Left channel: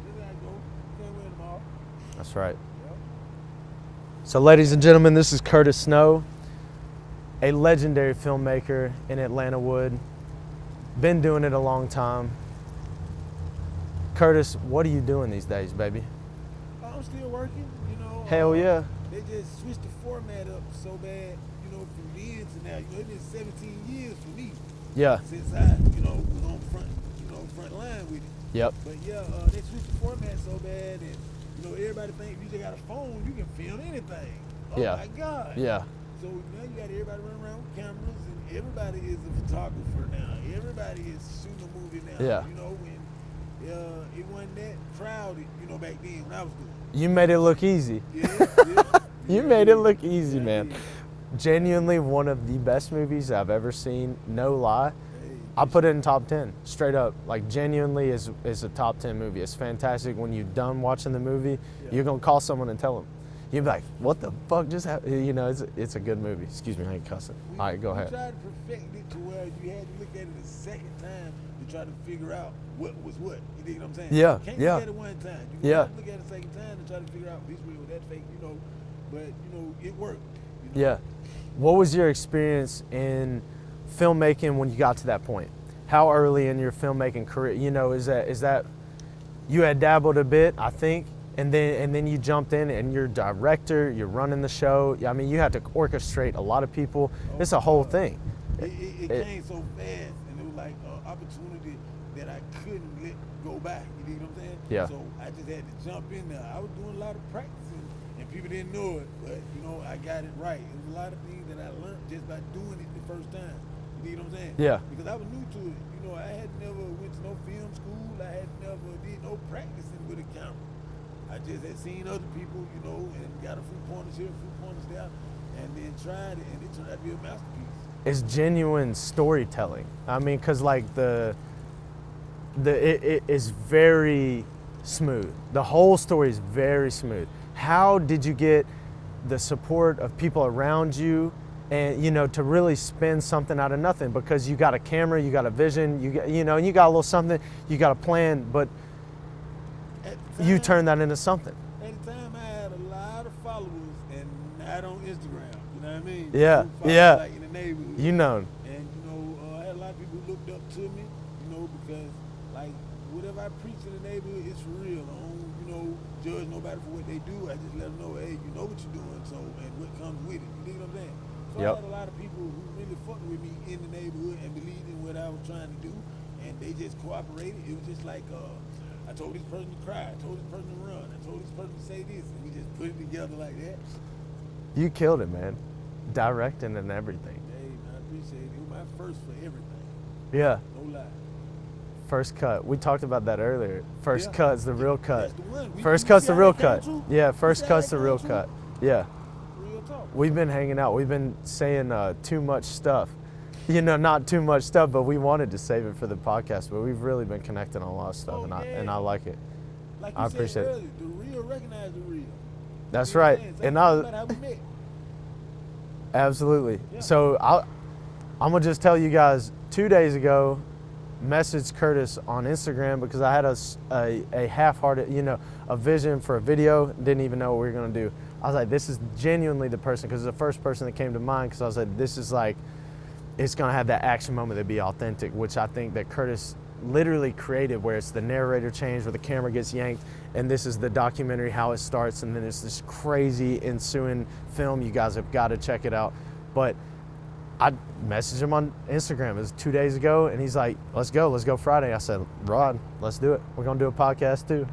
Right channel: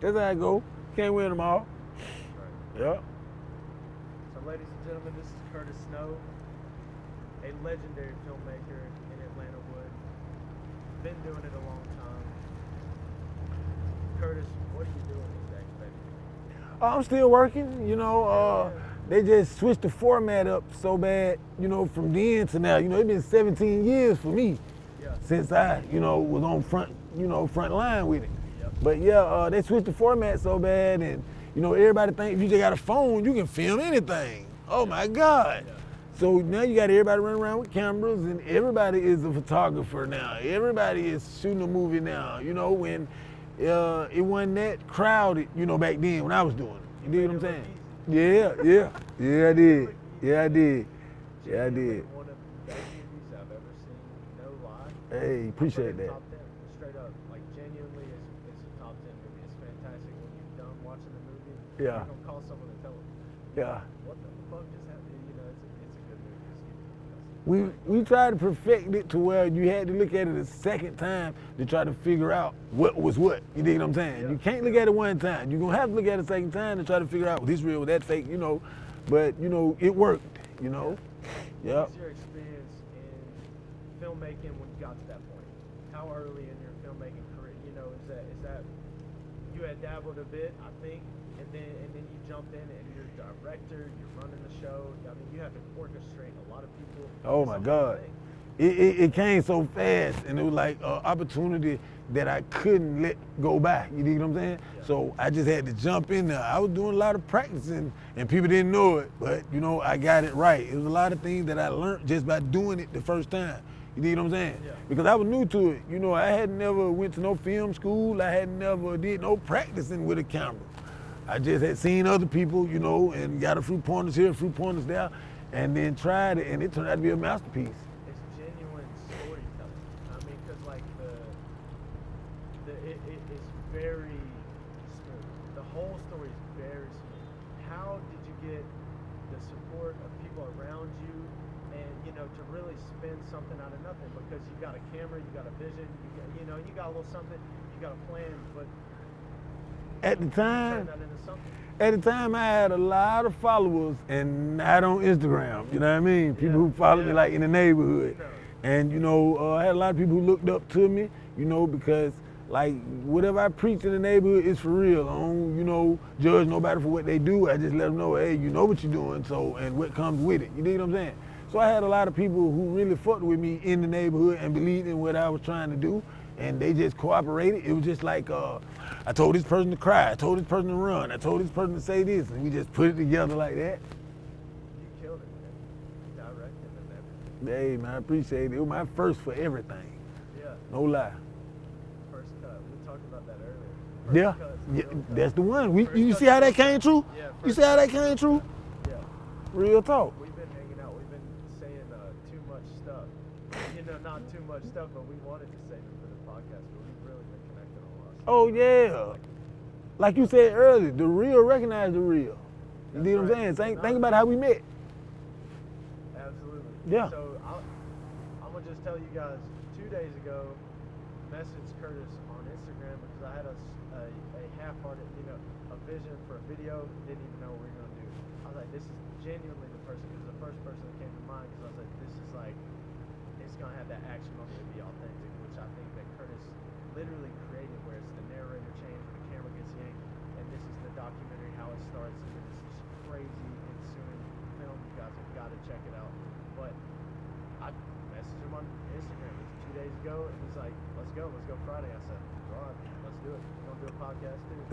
That's how I go. Can't win them all. That's right. Yeah. So ladies and gentlemen, this is Curtis Snow, a legendary filmmaker in Atlanta Wood. Been doing it a long time. Curtis, what are you doing these days, baby? I'm still working, you know. Hell yeah. They just switched the format up so bad, you know, from then to now. You know, it's been 17 years for me Yeah. since I, you know, was on front line with it. Yep. But yeah, they switched the format so bad, and you know, everybody think if you just got a phone, you can film anything. Oh Yeah. my God. Yeah. So now you got everybody running around with cameras, and everybody is a photographer now. Everybody is shooting a movie now. Yeah. You know, when it wasn't that crowded, you know, back then when I was doing it. You made it look easy. Yeah. You I made it did. look easy, yeah, man. I did. Genuinely Yeah, I did. one of the best movies I've ever seen, no lie. Hey, I put it in appreciate top 10, straight up. Like, genuinely is a top 10 movie. It's fantastic. When you're done watching the movie, Yeah. you're going to call someone and tell them. You'll be Yeah. like, what the fuck just happened? You know, it's a good movie. Excuse me, I ain't cussing. We, All right, go we ahead. tried to perfect it to where you had to look at it a second time to try to figure out what was what. You dig what I'm saying? Yeah, You can't yeah. look at it one time. You're going to Yeah. have to look at it a second time to try to figure out, was this real, was that fake, you know. But, you know, it worked, you know. Yeah. What Yeah. was your experience in filmmaking when you got to that point? How early in your filmmaking career? You know, is that you had dabbled a bit, I think, and then you jumped in and you're director, you're running the show. I mean, you had to orchestrate a lot of people. Oh It's my a whole God. thing. It came so fast, and it was like an opportunity that I couldn't let go by. You dig what I'm saying? Yeah. So I just had to jump in there. I was doing a lot of practicing, and people didn't know it, but you know, I got it right. It was a lot of things that I learned just by doing it the first time. You dig what I'm saying? Yeah. Because I was new to it. You know, I had never went to no film school. I had never did no practicing with a camera. I just had seen other people, you know, and got a few pointers here, a few pointers there, and then tried it, and it turned out to be a masterpiece. It's genuine storytelling. I mean, cause like it is very smooth. The whole story is very smooth. How did you get the support of people around you, and you know, to really spin something out of nothing? Because you got a camera, you got a vision, you know, and you got a little something, you got a plan, but At the time, you turned that into something. At the time, I had a lot of followers, and not on Instagram. You know what I mean? Yeah, People who follow yeah. me, like in the neighborhood. You know. And you know, I had a lot of people who looked up to me. You know, because like whatever I preach in the neighborhood is for real. I don't, you know, judge nobody for what they do. I just let them know, hey, you know what you're doing, so and what comes with it. You dig what I'm saying? So I Yep. had a lot of people who really fucked with me in the neighborhood and believed in what I was trying to do, and they just cooperated. It was just like. I told this person to cry, I told this person to run, I told this person to say this, and we just put it together like that. You killed it, man. Directing and everything. Hey, man, I appreciate it. It was my first for everything, Yeah. no lie. First cut. We talked about that earlier. First Yeah. cut's the Yeah, real cut. That's the one. First you cut's see the how real that came cut. true? Yeah, You first see how cut's that the real came true? cut. Yeah. Real talk. We've been hanging out. We've been saying too much stuff. You know, not too much stuff, but we wanted to save it for the podcast. But we've really been connecting on a lot of stuff. Oh, and and yeah. I like it. Like you I said appreciate it. earlier, the real recognize the real. That's You know what I'm right. saying? And Think I- about how we met. Absolutely. Yeah. So I'm gonna just tell you guys. 2 days ago, messaged Curtis on Instagram because I had a half-hearted, you know, a vision for a video. Didn't even know what we were gonna do. I was like, this is genuinely the person, because it's the first person that came to mind. Because I was like, this is like, it's gonna have that action moment that be authentic, which I think that Curtis literally created, where it's the narrator change, where the camera gets yanked, and this is the documentary, how it starts, and then it's this crazy ensuing film. You guys have got to check it out. But I messaged him on Instagram. It was 2 days ago, and he's like, let's go Friday. I said, Rod, let's do it. We're gonna do a podcast too.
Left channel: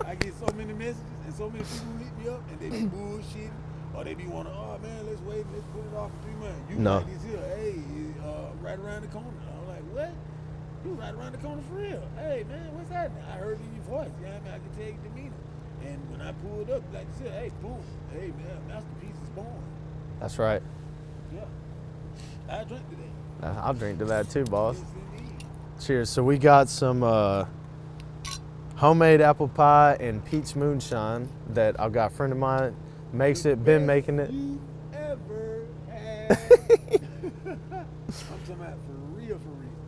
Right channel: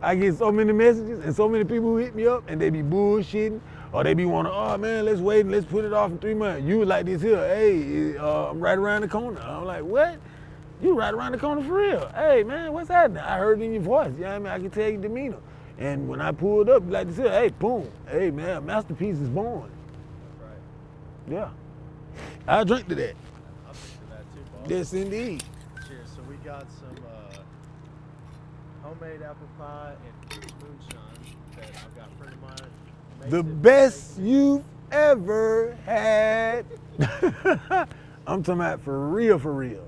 I get so many messages and so many people who hit me up and they be bullshitting, or they be wanting, oh man, let's wait and let's put it off in 3 months. You was No. like this here, hey, I'm right around the corner. I'm like, what? You right around the corner for real. Hey man, what's happening? I heard it in your voice. You know what I mean? I can tell your demeanor. And when I pulled up, like this here, hey, boom. Hey man, a masterpiece is born. That's right. Yeah. I drink to that. I'll drink to that too, boss. Yes indeed. Cheers. So we got some homemade apple pie and Pete's moonshine that I've got a friend of mine makes The it, been best making it. you've ever had. I'm talking about for real, for real.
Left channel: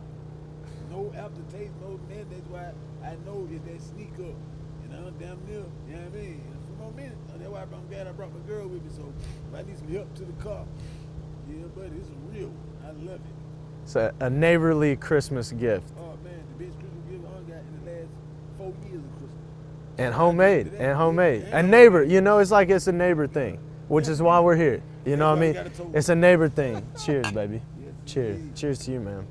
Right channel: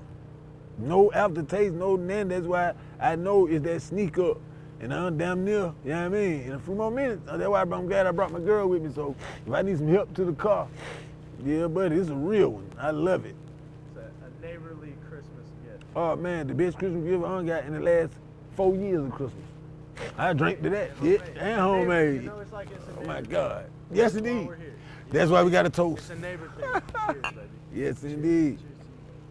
No aftertaste, no nothing. That's why I know it's that sneak up. and I'm damn near, you know what I mean? In a few more minutes, that's why I'm glad I brought my girl with me. So if I need some help to the car, yeah, buddy, it's a real one. I love it. It's a neighborly Christmas gift. Oh man, the best Christmas gift I got in the last 4 years of Christmas. And homemade, and homemade. Yeah, a neighbor, homemade. you know, it's like it's a neighbor thing, which Yes, is why indeed. we're here. You That's know why what I we mean? got a toast. It's a neighbor thing. Cheers, baby. Yes, Cheers. indeed. Cheers to you, man.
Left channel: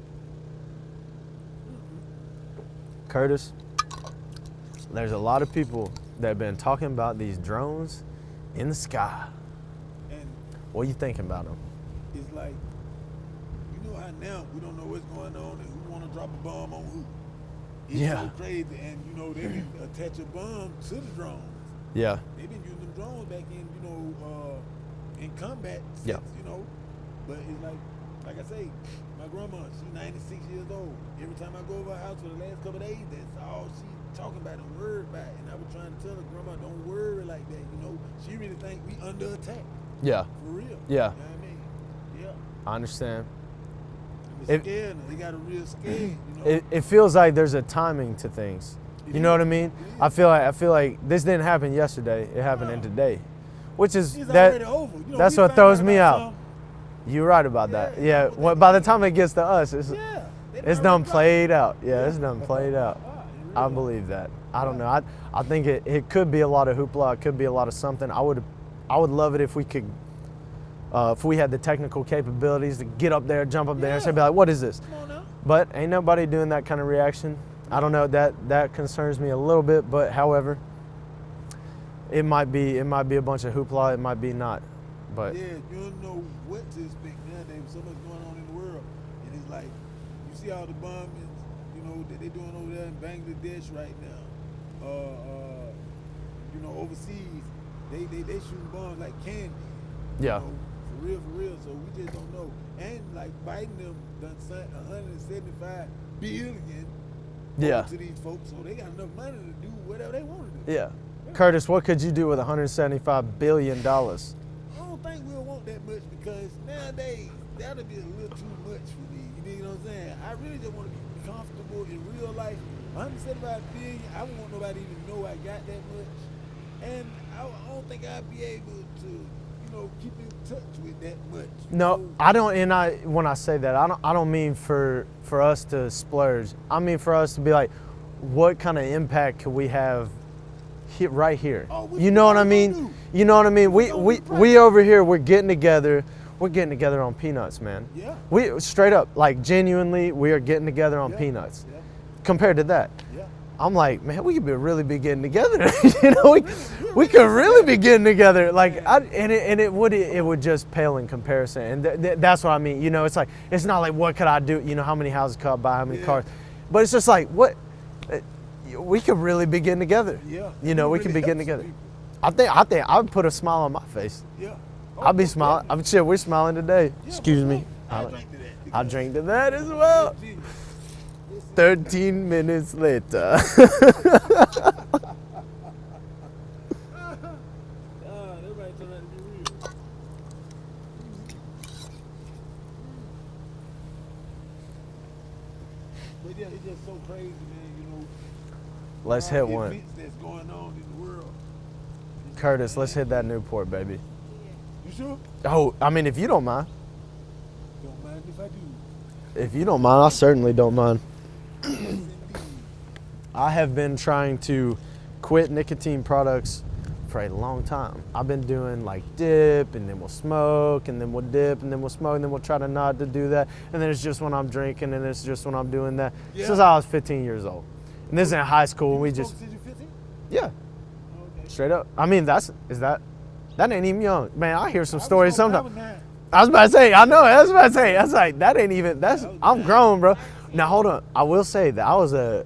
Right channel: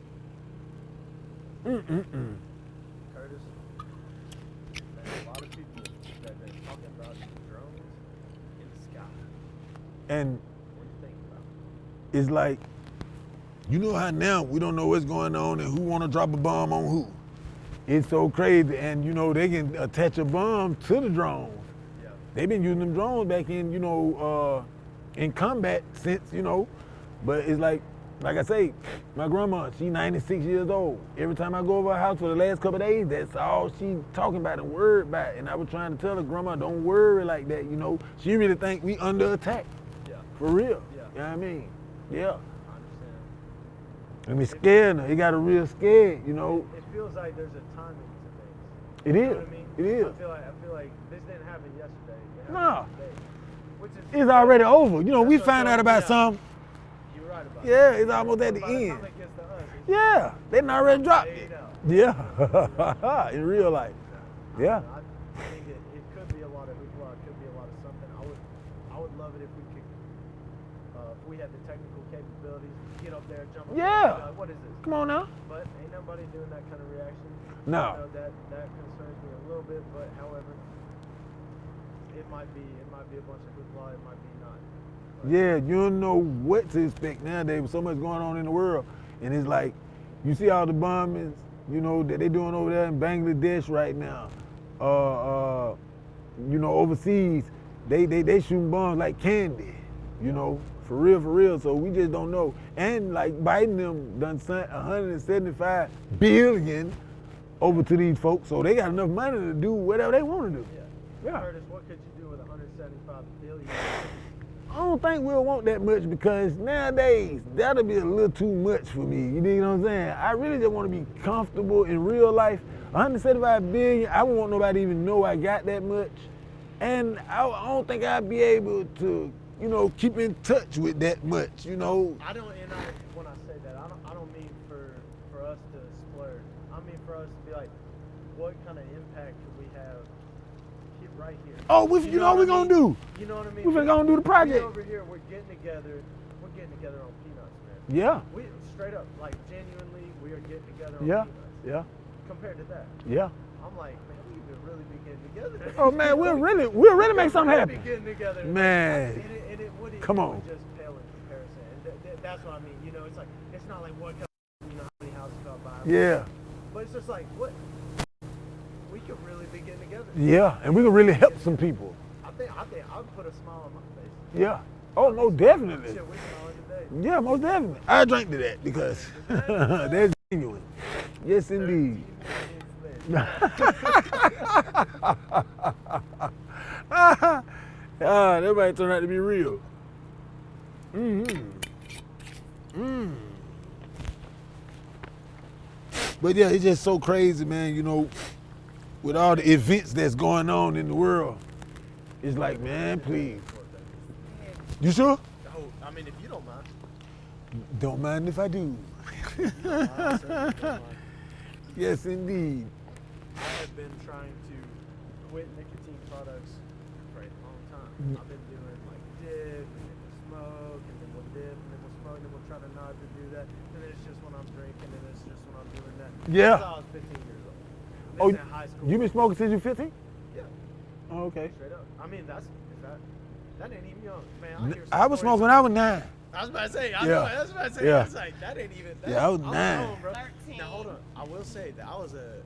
Curtis, there's a lot of people that have been talking about these drones in the sky. And What are you thinking about them? it's like, you know how now we don't know what's going on and who want to drop a bomb on who. It's Yeah. so crazy, and you know they can attach a bomb to the drones. Yeah. They've been using them drones back in, in combat since, but it's like I say, my grandma, she's 96 years old. Every time I go over her house for the last couple of days, that's all she talking about and worried about. And I was trying to tell her, Grandma, don't worry like that, She really think we under attack, Yeah. for real. Yeah. You know what I mean? Yeah. I understand. And we scared her. It got her real scared, It feels like there's a timing to things. It You know is. what I mean? It is. I feel like this didn't happen yesterday. It happened No. today, which is It's that- already over. that's We what found throws out me about out. something. You're right about Yeah, that. it's Yeah. almost at Well, the by the end. time it gets to us, it's Yeah. They it's already done dropped. played out. Yeah, Yeah. it's done played out. In real I life. believe that. I Yeah. don't know. I think it could be a lot of hoopla. It could be a lot of something. I would love it if we could, if we had the technical capabilities to get up there, jump up there, and say, Yeah. be like, what is this? Come on now. But ain't nobody doing that kind of reaction. I don't know. That concerns me a little bit. But however, it might be a bunch of hoopla. It might be not. But Yeah, you don't know what to expect nowadays with so much going on in the world. And it's like, you see all the bombings, that they're doing over there in Bangladesh right now. Overseas, they shooting bombs like candy. Yeah. For real. So we just don't know. And like Biden them done sent 175 billion Yeah. over to these folks, so they got enough money to do whatever they want to do. yeah. Yeah. Curtis, what could you do with $175 billion? I don't think we'll want that much because nowadays that'll be a little too much for me. You know what I'm saying? I really just want to be comfortable in real life. 175 billion, I won't want nobody to even know I got that much. And I don't think I'd be able to, keep in touch with that much. No, I don't. And when I say that, I don't mean for us to splurge. I mean for us to be like, what kind of impact could we have right here? Oh, what you know what I mean? do? You know what I mean? What we gonna do the We project? over here, we're getting together. We're getting together on peanuts, man. Yeah. We straight up, like genuinely, we are getting together on Yeah. peanuts. Yeah. Compared to that, Yeah. I'm like, man, we could really be getting together. Oh, man, we'll we really could make something really be happen. getting together. Like, Man. it Come on. would just pale in comparison. And that's what I mean. It's like, it's not like what could I do? How many houses could I buy? How many Yeah. cars? But it's just like, what? We could really be getting together. Yeah. And You know, we we really could be help getting some together. people. I think I would put a smile on my face. Yeah. Oh, I'll be most smiling. definitely. Shit, we're smiling today. Yeah, Excuse most me. definitely. I drank to that. I because- drank to that as well. That's genius. Yes, indeed. 13 minutes later. Everybody turned out to be real. But yeah, it's just so crazy, man. With Let's all the hit one. events that's going on in the world. It's Curtis, like, let's man, hit that please. Newport, baby. You sure? Oh, I mean, if you don't mind. Don't mind if I do. If you don't mind, I certainly don't mind. Yes, indeed. I have been trying to quit nicotine products for a long time. I've been doing like dip, and then we'll smoke, and then we'll dip, and then we'll smoke, and then we'll try to not to do that. And then it's just when I'm drinking, and it's just when I'm doing that. Yeah. Since I was 15 years old. And this is in high school. You we been smoking just, since you 15? yeah, Oh, okay. straight up. I mean, that ain't even young. Man, I hear some I was stories. smoking when I was Sometimes. 9. I was about to say, I know, Yeah. I was about to say, Yeah. that's like, that ain't even, that's, Yeah, I was I'm 9. grown, bro. Now, hold on. I will say that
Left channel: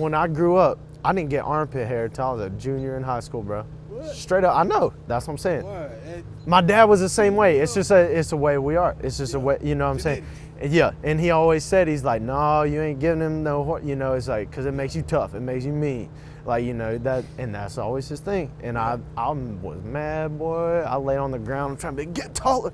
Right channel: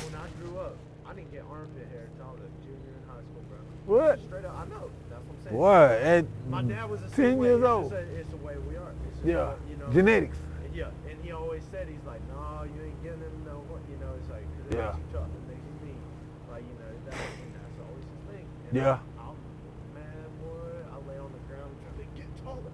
when I grew up, I didn't get armpit hair until I was a junior in high school, bro. What? Straight up, I know. That's what I'm saying. What? And My dad was the same 10 way. years It's old. just it's the way we are. It's just a Yeah. way, you know what I'm Genetics. saying? Yeah, and he always said, he's like, no, you ain't giving him no, it's like, because it makes Yeah. you tough. It makes you mean. Like, and that's always his thing. And Yeah. I was mad, boy. I lay on the ground, I'm trying to get taller.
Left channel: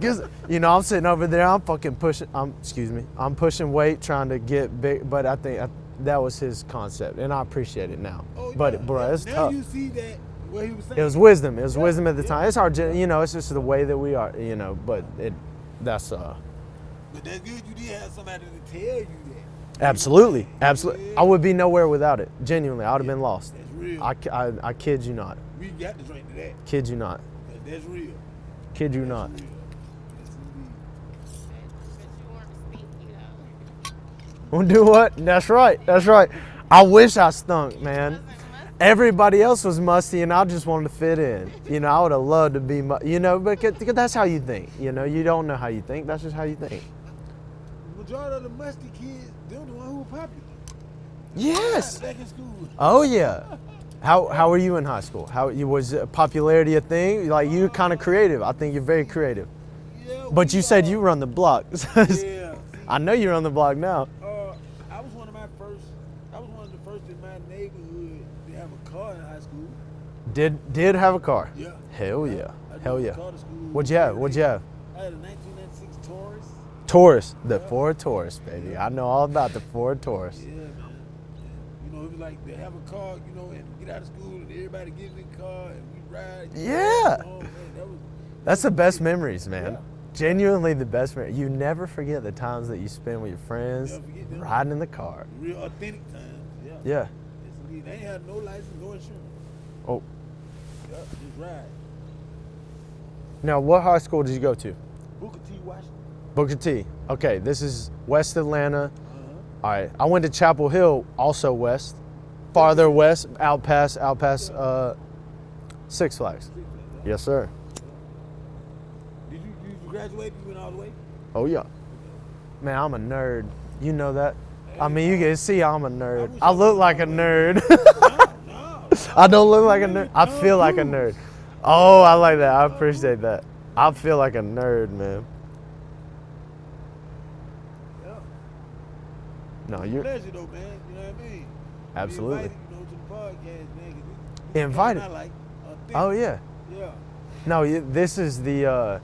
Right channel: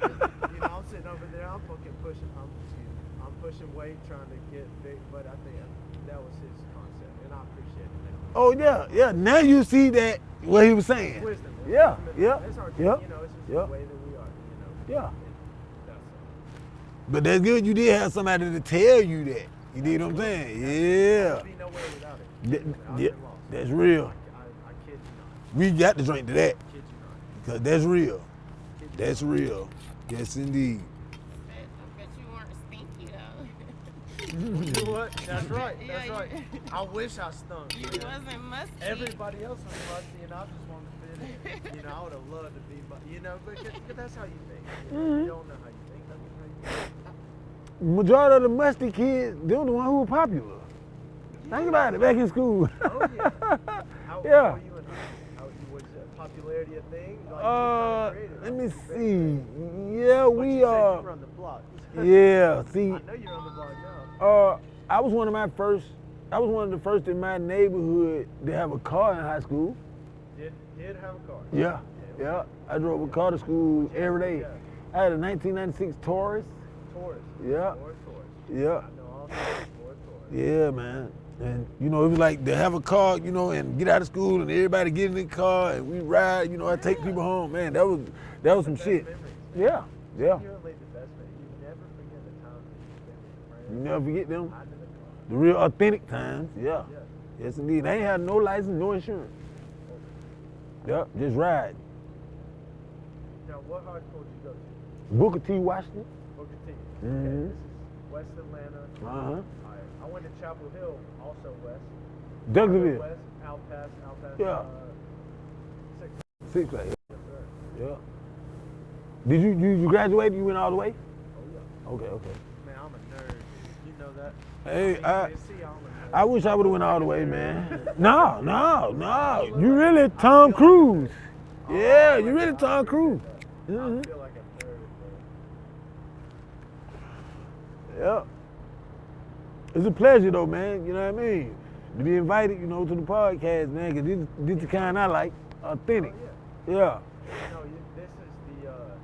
'Cause, I'm sitting over there, I'm fucking pushing, I'm pushing weight, trying to get big, but I think that was his concept, and I appreciate it now. Oh, But, yeah, bro, yeah. it's Now tough. you see that, what he was saying. It was wisdom. It was Yeah, wisdom at the yeah, time. It's hard to, yeah, you know, it's just the yeah. way that we are, you know, but Yeah. that's, But that's good you did have somebody to tell you that. You dig what I'm absolutely, saying? absolutely. Yeah. I would be nowhere without it. Genuinely, I would have Yeah, been lost. That's real. I kid you not. We got to drink to that, Kid you not. because that's real. Kid you That's not. real. Yes, indeed. But you weren't stinky though. Well, do what? That's right. That's right. I wish I stunk, man. Wasn't musty. Everybody else was musty, and I just wanted to fit in. You know, I would have loved to be, you know, because that's how you think. You know, you don't know how you think. That's just how you think. Majority of the musty kids, they're the one who were popular. Yes. Back in school. Oh yeah. How Yeah. were you in high school? Was popularity a thing? Like you kind of creative. I let me think you're very see. creative. Yeah. But you said you run the block. Yeah. See, I know you're on the block now. I was one of the first in my neighborhood to have a car in high school. Did have a car? Yeah. Hell yeah. I drove Hell a yeah. car to school. What'd you have? every What'd day. you have? I had a 1996 Taurus. Taurus. The Yeah. Ford Taurus, baby. Yeah. I know all about the Ford Taurus. Yeah, man. And you know, it was like to have a car, you know, and get out of school and everybody get in the car and we ride, you know, I take Yeah. people home. Man, that was That's the some best shit. memories, man. Yeah. Genuinely the best memories. You never forget the times that you spend with your friends, Never forget them. riding in the car. The real authentic times. Yeah. Yeah. Yes, indeed. I ain't had no license, no insurance. Oh. Yep, just ride. Now, what high school did you go to? Booker T. Washington. Booker T. Okay, Mhm. this is West Atlanta. Uh-huh. All right, I went to Chapel Hill, also west. Double Farther Hill. west, out past Yeah. Six Flags. Six Flags. Yes, sir. Yeah. Did you graduate? You went all the way? Oh yeah. Okay, okay. Man, I'm a nerd. You know that. I Hey, mean, you can see I'm a nerd. I wish I I look would've like a went all the way, nerd. No. I don't look You like a really nerd. I Tom feel like a Cruise. nerd. Oh, Yeah, I you like really that. I Tom appreciate Cruise. that. I Mhm. feel like a nerd, man. Yeah. No, It's a you- pleasure though, man. You know what I mean? Absolutely. Be invited, you know, to the podcast, man, because this is Invited. kind I like. Authentic. Oh yeah. Yeah. No, this is the.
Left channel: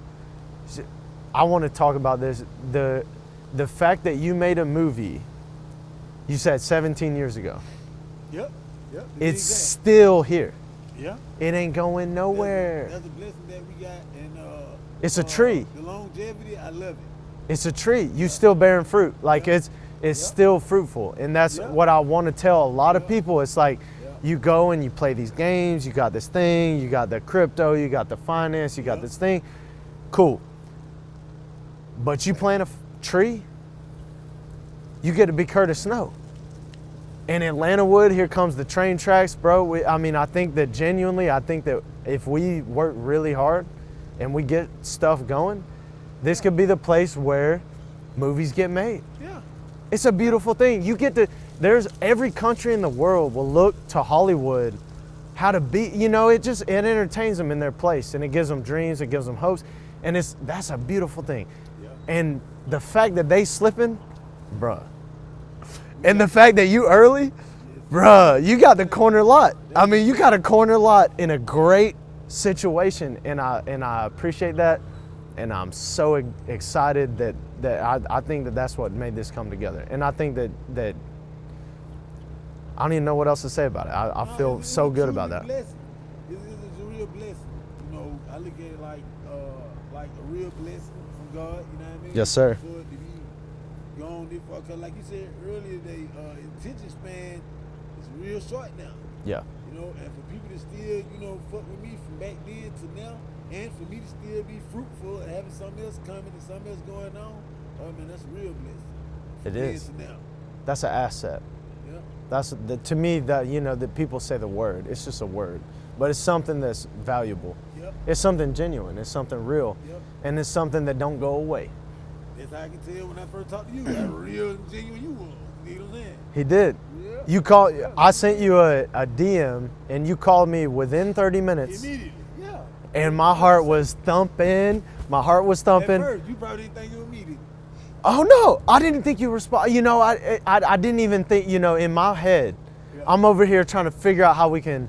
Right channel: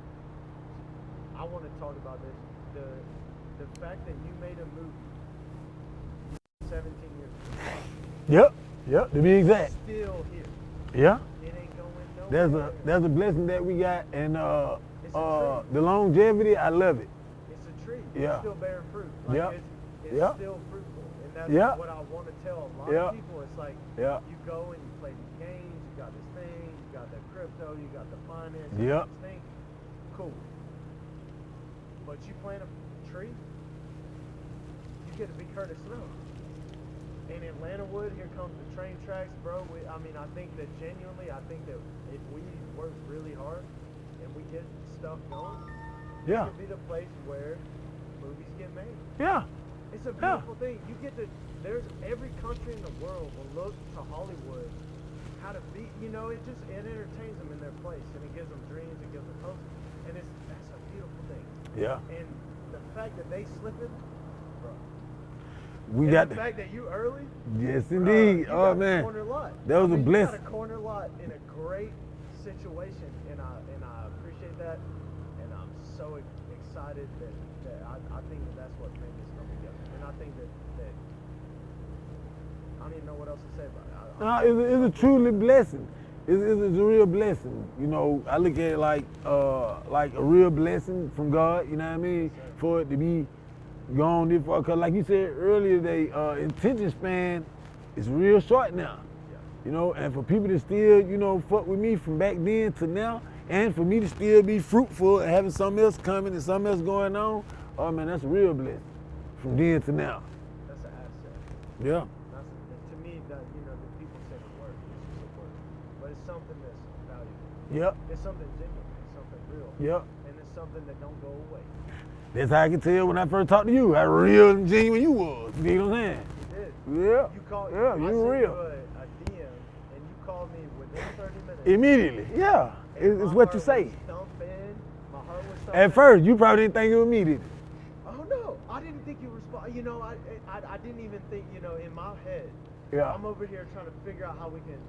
I want to talk about this. The fact that you made a movie. You said 17 years ago. Yep. To be It's exact. still here. Yeah. It ain't going nowhere. That's a blessing that we got, and It's a tree. The longevity, I love it. It's a tree. You Yeah. still bearing fruit. Like Yeah. it's Yeah. still fruitful, and that's Yeah. what I want to tell a lot of Yeah. people. It's like Yeah. you go and you play these games. You got this thing. You got the crypto. You got the finance. You Yeah. got this thing. Cool. But you plant a tree. You get to be Curtis Snow. In Atlanta Wood, here comes the train tracks, bro. I think that if we work really hard and we get stuff going, this Yeah. could be the place where movies get made. Yeah. It's a beautiful thing. There's every country in the world will look to Hollywood how to be, it entertains them in their place, and it gives them dreams, it gives them hopes, and that's a beautiful thing. Yeah. And the fact that they slipping, bruh. We And got the fact that you early, Yes, bruh, indeed. you Oh, got the man. corner lot. That I was a mean, you got a blessing. corner lot in a great situation, and I appreciate that, and I'm so excited that I think that's what made this come together, and I think that I don't even know what else to say about it. I feel it's so a good truly about that. blessing. It's a real blessing. You know, I look at it like a real blessing from God. You know what I mean? Yes, sir. For it to be gone this far, cause like you said earlier, attention span is real short now. Yeah. You know, and for people to still, fuck with me from back then to now, and for me to still be fruitful and having something else coming and something else going on, oh man, that's a real blessing. From It then is. to now. That's an asset. Yeah. To me, that people say the word. It's just a word, but it's something that's valuable. Yep. It's something genuine. It's something real. Yep. And it's something that don't go away. That's how I can tell when I first talked to you how real and genuine you was. You know what I'm saying? He did. Yeah. You called. Yeah, I you sent real. you a DM, and you called me within 30 minutes. Immediately. Yeah. And It's my what you heart say. was thumping. My heart was thumping. At first, you probably didn't think it was me, did you? Oh no, I didn't think you respond. I didn't even think. In my head, Yeah. I'm over here trying to figure out how we can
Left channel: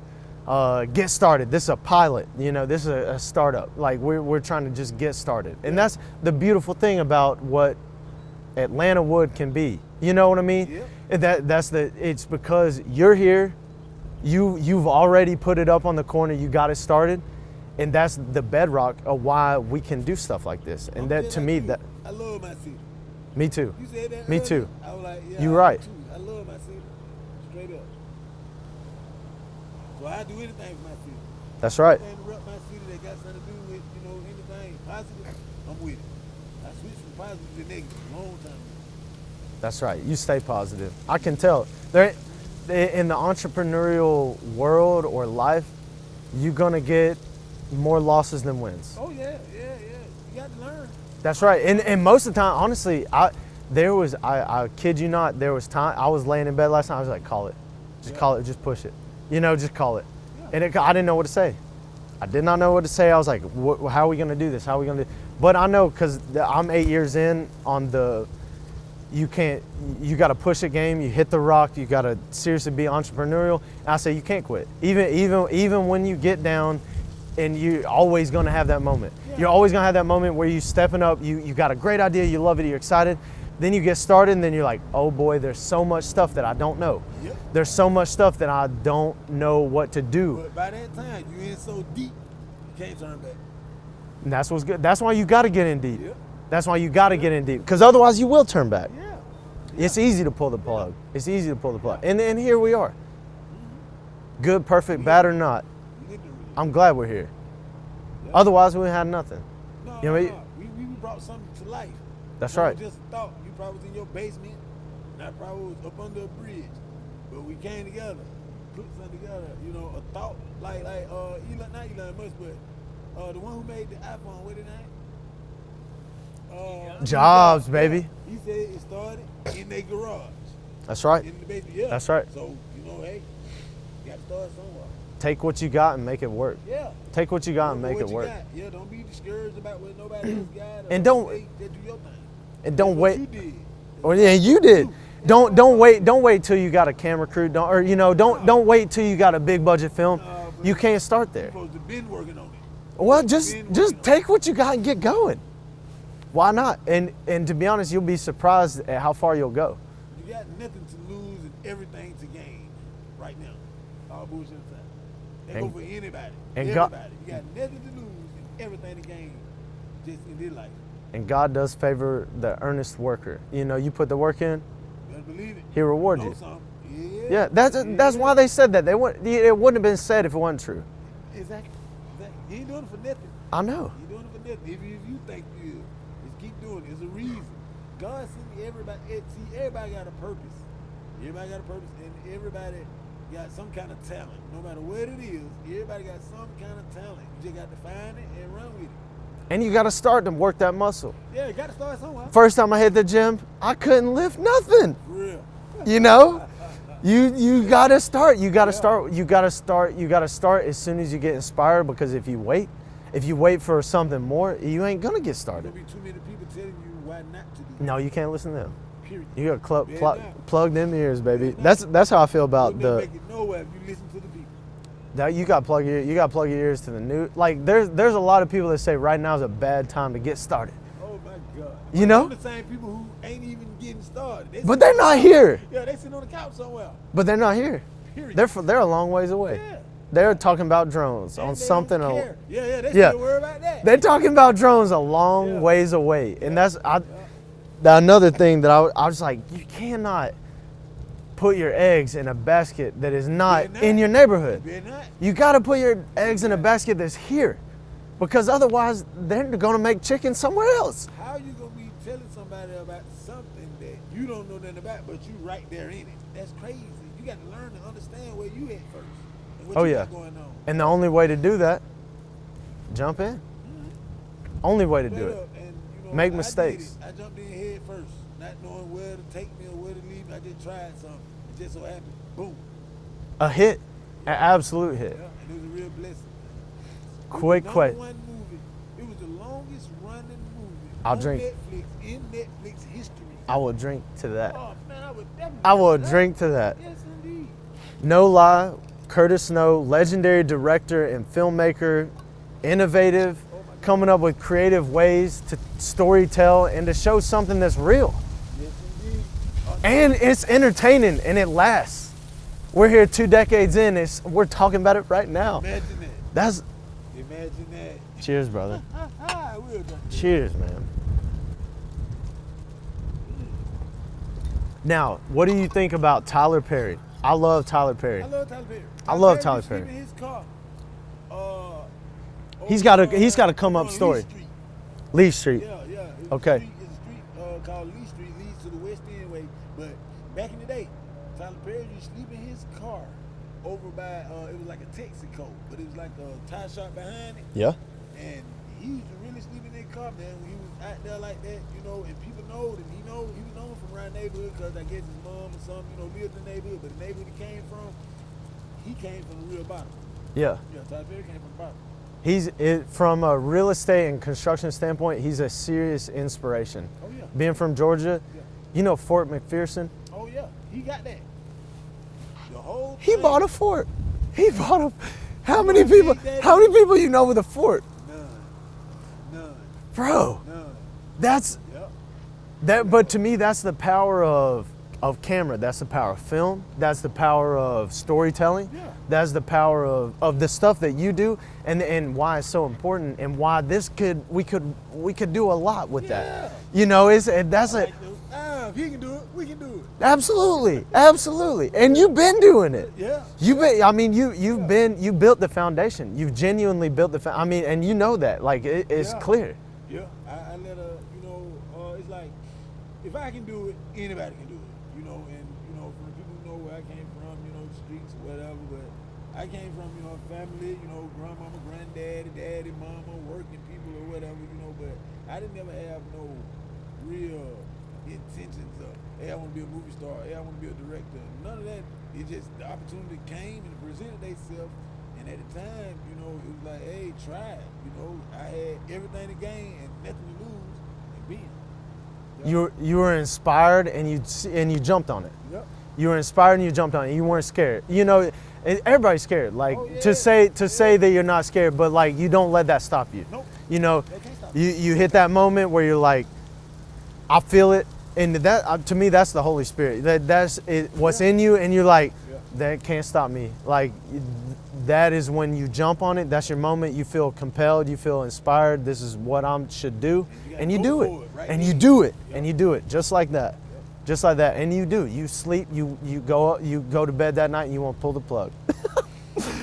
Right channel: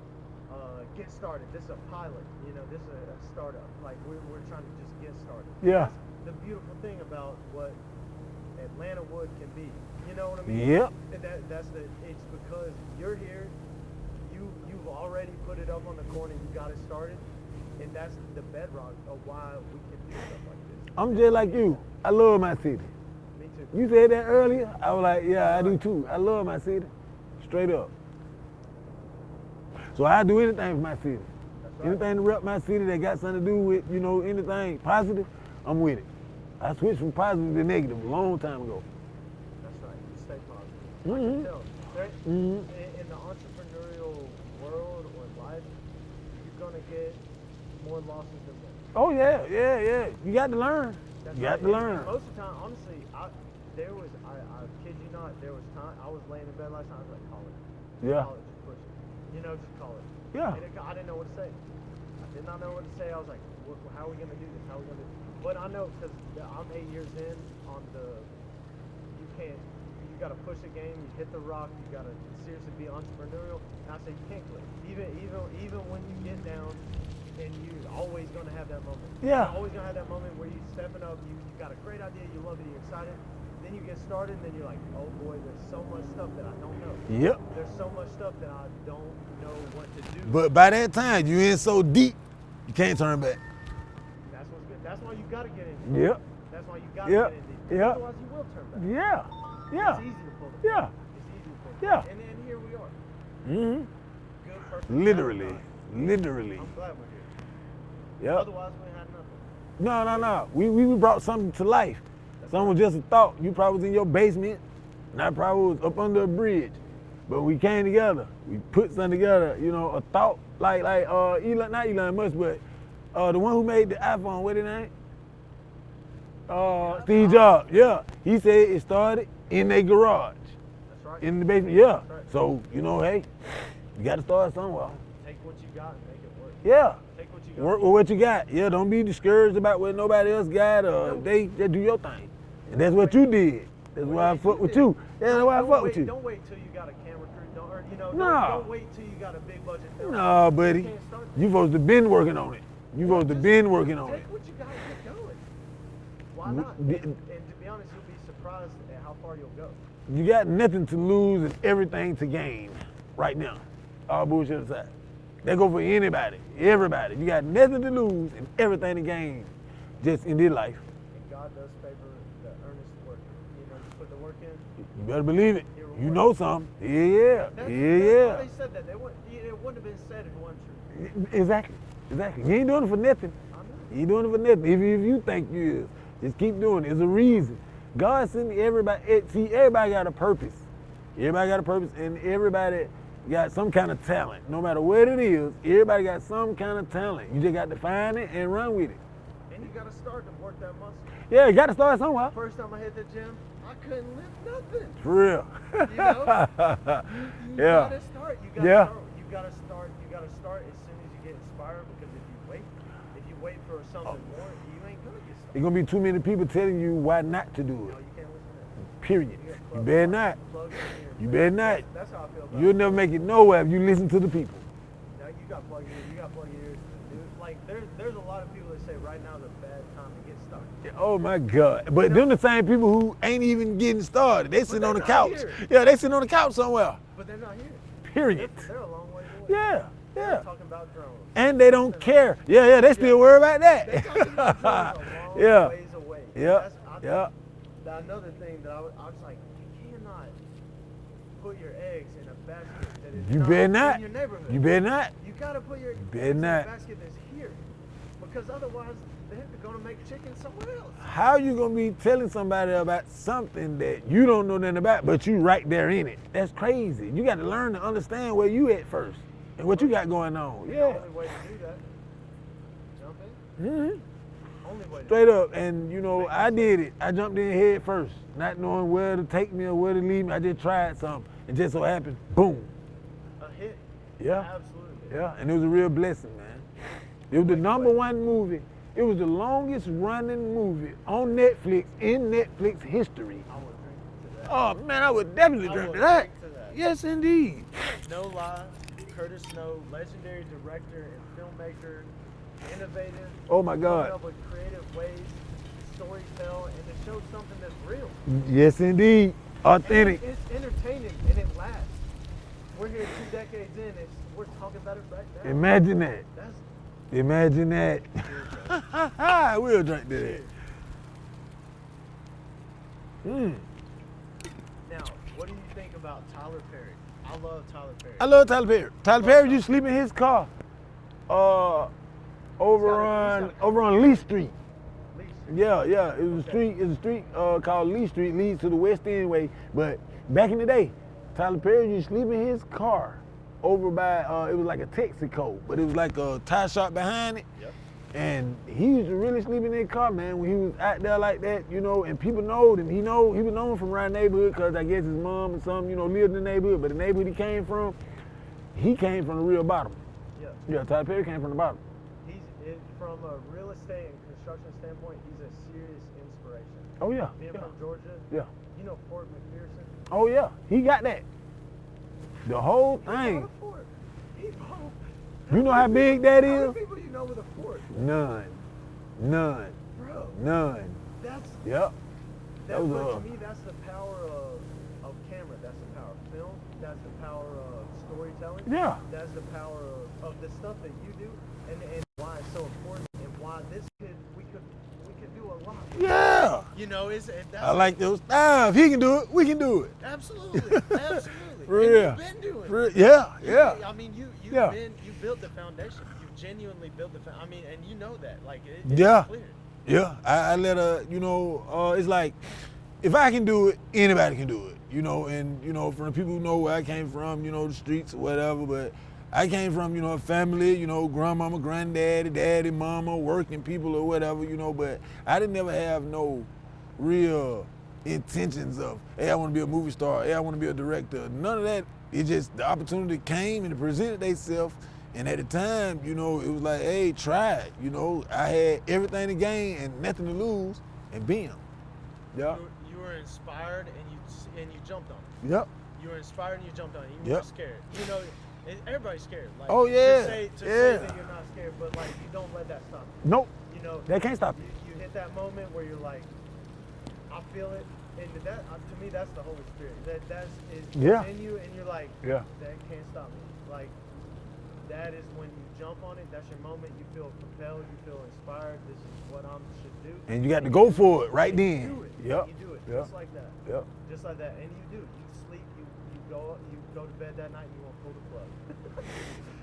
get started. This is a pilot. This is a startup. Like we're trying to just get started, and Yeah. that's the beautiful thing about what Atlanta wood can be. You know what I mean? Yep. It's because you're here, you've already put it up on the corner, you got it started, and that's the bedrock of why we can do stuff like this. And I'm that, just to like me, you. that, I love my city. me too. You said that Me earlier. too. I was like, yeah, You're I right. do too. I love my city, straight up. So I do anything for my city. That's right. Anything to rep my city that got something to do with, you know, anything positive, I'm with it. I switched from positive to negative a long time ago. That's right. You stay positive. I can tell. There, in the entrepreneurial world or life, you're gonna get more losses than wins. Oh yeah. You got to learn. That's You right. got to learn. And most of the time, honestly, I kid you not, there was time I was laying in bed last night. I was like, call it, just Yeah. call it, just push it. You know, just call it. Yeah. And I didn't know what to say. I did not know what to say. I was like, how are we gonna do this? How are we gonna do? But I know because I'm 8 years in on the. You got to push a game. You hit the rock. You got to seriously be entrepreneurial. And I say you can't quit. Even when you get down, and you're always gonna have that moment. Yeah. You're always gonna have that moment where you stepping up. You got a great idea. You love it. You're excited. Then you get started, and then you're like, oh boy, there's so much stuff that I don't know. Yep. There's so much stuff that I don't know what to do. But by that time, you in so deep, you can't turn back. And that's what's good. That's why you got to get in deep. Yep. That's why you got to Yep. get in deep. Because otherwise, you will turn back. Yeah. It's easy to pull the Yeah. plug. It's easy to pull the plug. Yeah. And here we are. Mm-hmm. Good, perfect, bad or Literally. not. Literally. I'm glad we're here. Yep. Otherwise, we had nothing. No, You no, know, no. We brought something to life. That's Something right. was just a thought. You probably was in your basement, and I probably was up under a bridge. But we came together. We put something together. You know, a thought like Elon, not Elon Musk, but the one who made the iPhone. What his name? Steve Jobs, Yeah. baby. He said it started in a garage, That's right. in the basement. Yeah. That's right. So you know, hey, you got to start somewhere. Take what you got and make it work. Yeah. Take what you got Work and with make what it you work. got. Yeah, don't be discouraged about what nobody else got. And don't- they do your thing. And That's don't what wait. you did. That's Well, why yeah, I you fuck with did. you. That's why I fuck Don't with wait. you. Don't wait till you got a camera crew. Don't No. wait till you got a big budget film. Nah, buddy. You can't start there. You supposed to been working on it. You Well, supposed to just been working on take what you got and get going. Why not? Mm-hmm. And to be honest, you'll be surprised at how far you'll go. it. You got nothing to lose and everything to gain right now. All bullshit aside. That go for anybody, and everybody. You got nothing to lose and everything to gain just in this life. And God does favor the earnest worker. You know, you put the work in. You better believe it. He reward you know you. something. Yeah. Yeah, that's why they said that. It wouldn't have been said if it wasn't true. Exactly. You ain't doing it for nothing. I know. You ain't doing it for nothing. If you think you is, just keep doing it. There's a reason. God sent everybody. See, everybody got a purpose. Everybody got a purpose, and everybody got some kind of talent. No matter what it is, everybody got some kind of talent. You just got to find it and run with it. And you got to start to work that muscle. Yeah, you got to start somewhere. First time I hit the gym, I couldn't lift nothing. For real. You know, you Yeah. gotta start. You gotta Yeah. start. You gotta start. You gotta start as soon as you get inspired. Because if you wait for something more, you ain't gonna get There's started. gonna be too many people telling you why not to do it. No, you can't listen to them. Period. You got Better not. plugged in ears, baby. Better not. That's how I feel about. You'll never make it nowhere if you listen to the people. Now you got to plug your ears to the new. Like there's a lot of people that say right now is a bad time to get started. Oh my God! But You know? them the same people who ain't even getting started. They But sitting they're on the not couch. here. Yeah, they sitting on the couch somewhere. But they're not here. Period. They're a long ways away. Yeah. They're yeah. talking about drones. and on they don't something care. else. Yeah, they Yeah. still worry about that. They're talking about drones a long Yeah. ways away, Yeah. and that's yeah. another thing that I was like, you cannot put your eggs in a basket that is better not not. in your neighborhood. You better not. You got to put your better eggs in a not. basket that's here, because otherwise they're going to make chicken somewhere else. How you gonna be telling somebody about something that you don't know nothing about, but you right there in it? That's crazy. You got to learn to understand where you at first and what Oh, you yeah. got going on. And Yeah. the only way to do that, jump in. Only way to Straight do it. up, and you know, Make I did it. mistakes. I jumped in head first, not knowing where to take me or where to leave me. I just tried something, and just so happened, boom. A hit, Yeah. an absolute hit. Yeah, and it was a real blessing, man. It was Quick, the number quick. one movie. It was the longest running movie I'll on drink. Netflix in Netflix history. I will drink to that. Oh man, I would definitely. I will that. drink to that. Yes, indeed. No lie, Curtis Snow, legendary director and filmmaker, innovative, Oh my God. coming up with creative ways to storytell and to show something that's real. Yes, indeed. And Authentic. it's entertaining and it lasts. We're here 2 decades in, we're talking about it right now. Imagine that. That's Imagine that. cheers, brother. We'll drink this. Cheers, man. Now, what do you think about Tyler Perry? I love Tyler Perry. I love Tyler Perry. Tyler love Perry Tyler used to sleep Perry. in his car. He's gotta come over up on story. Lee Street. Lee Street. Yeah. It's Okay. a street called Lee Street, leads to the west end way. But back in the day, Tyler Perry used to sleep in his car over by, it was like a Texaco, but it was like a tire shop behind it. Yeah. And he used to really sleep in that car, man, when he was out there like that, you know, and people know him. He was known from around the neighborhood because I guess his mom and some, you know, lived in the neighborhood, but the neighborhood he came from the real bottom. Yeah. Yeah, Tyler Perry came from the bottom. From a real estate and construction standpoint, he's a serious inspiration. Oh, yeah. Being from Georgia, Yeah. you know Fort McPherson? Oh, yeah. He got that. The whole He thing. bought a fort. He bought a. How You know many how people? big that How many is? people you know with a fort, None. bro? None. That's Yep. that. But to me, that's the power of camera. That's the power of film. That's the power of storytelling. Yeah. That's the power of the stuff that you do, and why it's so important, and why we could do a lot with Yeah. that. You know, that's I like those. If he can do it, we can do it. absolutely, absolutely. Real. And you've been doing it. Yeah. You've yeah. been, I mean, you built the foundation. You've genuinely built I mean, and you know that. Like, it's Yeah. clear. Yeah, I let her, you know, it's like, if I can do it, anybody can do it, you know, and, you know, from the people who know where I came from, you know, the streets or whatever, but I came from, you know, a family, you know, grandmama, granddaddy, daddy, mama, working people or whatever, you know, but I didn't never have no real intentions of, hey, I want to be a movie star, hey, I want to be a director, none of that. It just, the opportunity came and it presented themselves. And at the time, you know, it was like, hey, try it. You know, I had everything to gain and nothing to lose, and bam. Yep. You were inspired and you jumped on it. Yep. You were inspired and you jumped on it. You weren't scared. You know, everybody's scared. Like Oh, yeah. to say Yeah. that you're not scared, but like you don't let that stop you. Nope. You know, That can't stop you. you hit that moment where you're like, I feel it, and that to me that's the Holy Spirit. That's it, what's Yeah. in you, and you're like, Yeah. that can't stop me. Like that is when you jump on it. That's your moment. You feel compelled. You feel inspired. This is what I should do. And you got to you go do for it right and then. you do it. Yep. And you do it just like that. Yep. Just like that. And you do. You sleep. You go to bed that night. and you won't pull the plug.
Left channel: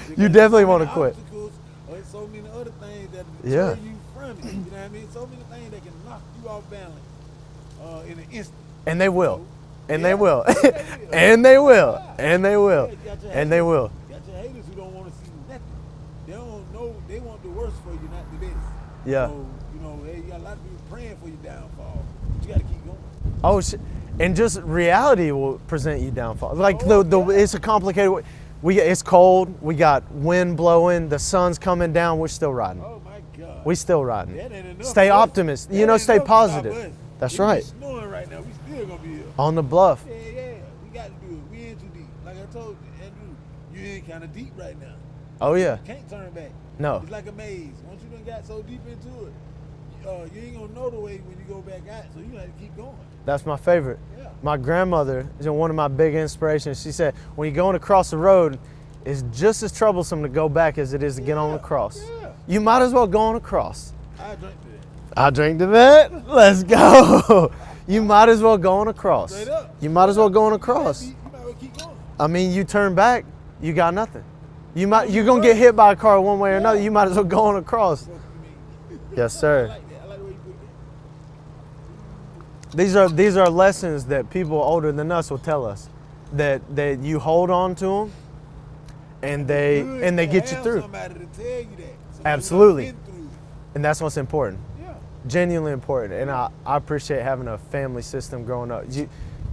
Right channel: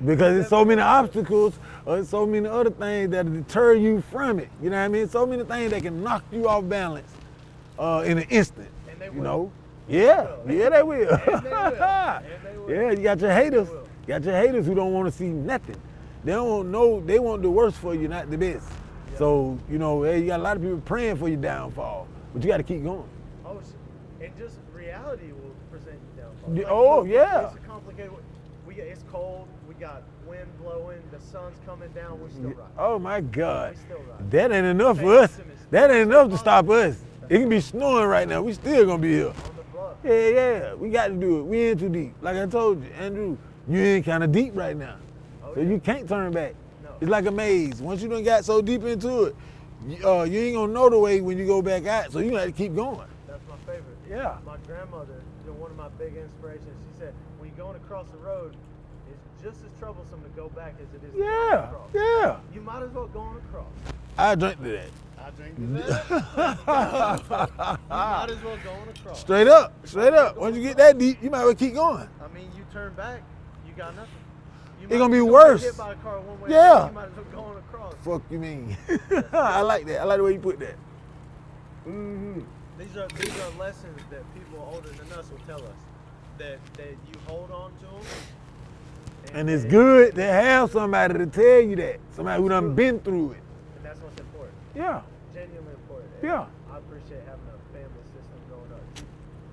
Because definitely there's so many wanna quit. obstacles, or so many other things that deter you from it. You know what I mean? So many things that can knock you off balance in an instant. And they will. know? And Yeah. they will. Yeah, they will. And they will. And they will. Yeah, you got your haters. And they will. You got your haters who don't want to see nothing. They don't know. They want the worst for you, not the best. Yeah. So you know, hey, you got a lot of people praying for your downfall, but you got to keep going. Oh, and just reality will present you downfall. Yeah, Like yeah. it's a complicated way. It's cold. We got wind blowing. The sun's coming down. We're still riding. Oh my God. We still riding. That ain't enough. Stay for us. optimist. That You know, ain't stay enough positive. to stop us. That's it can right. be snowing right now. We still gonna be here. On the bluff. Yeah. We got to do it. We in too deep. Like I told you, Andrew, you in kind of deep right now. Oh And yeah. You can't turn back. No. It's like a maze. Once you done got so deep into it, you ain't gonna know the way when you go back out. So you got to keep going. That's my favorite. Yeah. My grandmother is one of my big inspirations. She said, when you're going across the road, it's just as troublesome to go back as it is to get on across. Yeah. You might as well go on across. I drink to that. I drink to that. Let's go. You might as well go on across. Straight up. You might as well go on When you get across. that deep, you might as well keep going. I mean, you turn back, you got nothing. You're gonna be gonna get worse. hit by a car one way or Yeah. another. You might as well go on across. Fuck you mean? Yes, sir. I like that. I like the way you put that. These are lessons that people older than us will tell us, that you hold on to them, and they it's good and they to get have you through. somebody to tell you that. Somebody Absolutely. who done been through it. And that's what's important. Yeah. Genuinely important. And Yeah. I appreciate having a family system growing up.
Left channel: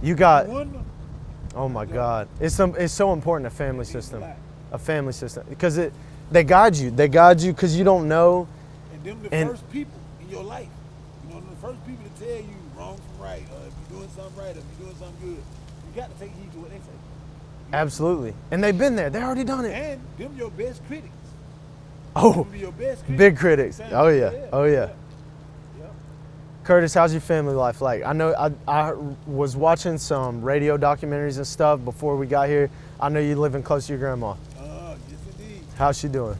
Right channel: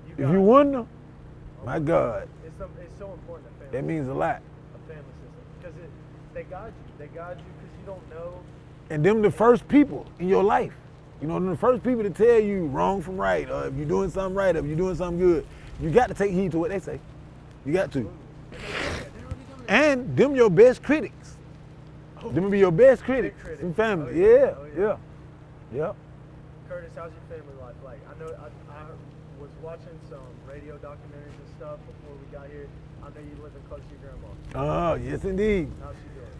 You got. You won. Oh My my God. God. It's so important, a family That means system. a lot. A family system, because they guide you. They guide you because you don't know. And them the And- first people in your life. You know, them the first people to tell you wrong from right, or if you're doing something right, or if you're doing something good. You got to take heed to what they say. You got to. Absolutely. And they've been there. They already done it. And them your best critics. Oh, You can be your best critic. big critic. You saying? Oh, yeah. Yeah. Oh, yeah. Yeah. Curtis, how's your family life like? I know I was watching some radio documentaries and stuff before we got here. I know you're living close to your grandma. Oh, yes, indeed. How's she doing?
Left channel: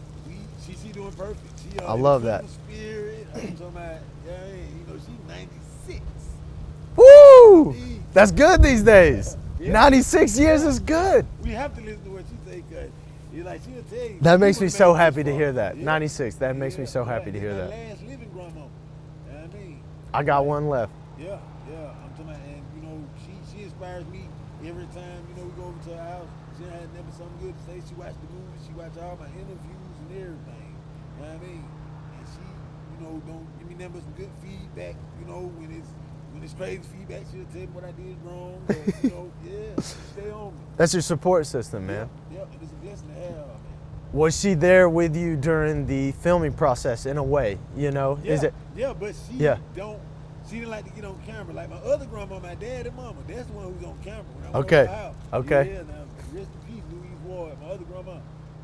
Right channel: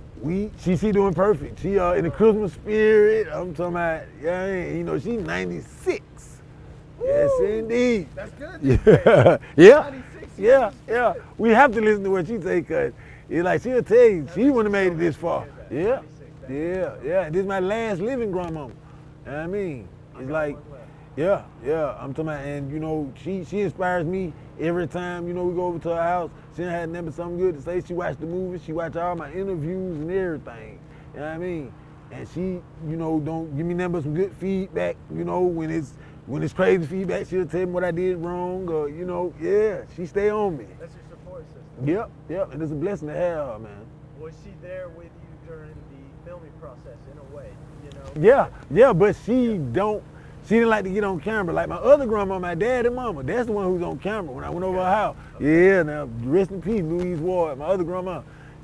She doing perfect. She in the love that. Christmas spirit. I'm talking about, yeah, you know, she's 96. Woo! Indeed. That's good these days. Yeah. 96 years Yeah, is good. yeah. We have to listen to what she say, cause it's like she'll tell you. That she makes me would've so made happy this to far. hear that. Yeah. 96, that makes me so happy to This hear my that. last living grandmama. You know what I mean? I It's got like, one left. Yeah. I'm talking about, and you know, she inspires me every time, you know, we go over to her house. She had never something good to say. She watched the movies, she watched all my interviews and everything. You know what I mean? And she, you know, don't give me nothing but some good feedback, you know, when it's crazy feedback, she'll tell me what I did wrong, or, you know, yeah, she stay on me. That's your support system, man. Yep, and it's a blessing to have her, man. Was she there with you during the filming process in a way, you know? Yeah, but she Yeah. she didn't like to get on camera. Like my other grandma, my dad and mama, that's the one who's on camera when I went Okay. over her house. Okay. Yeah, now rest in peace, Louise Ward, my other grandma.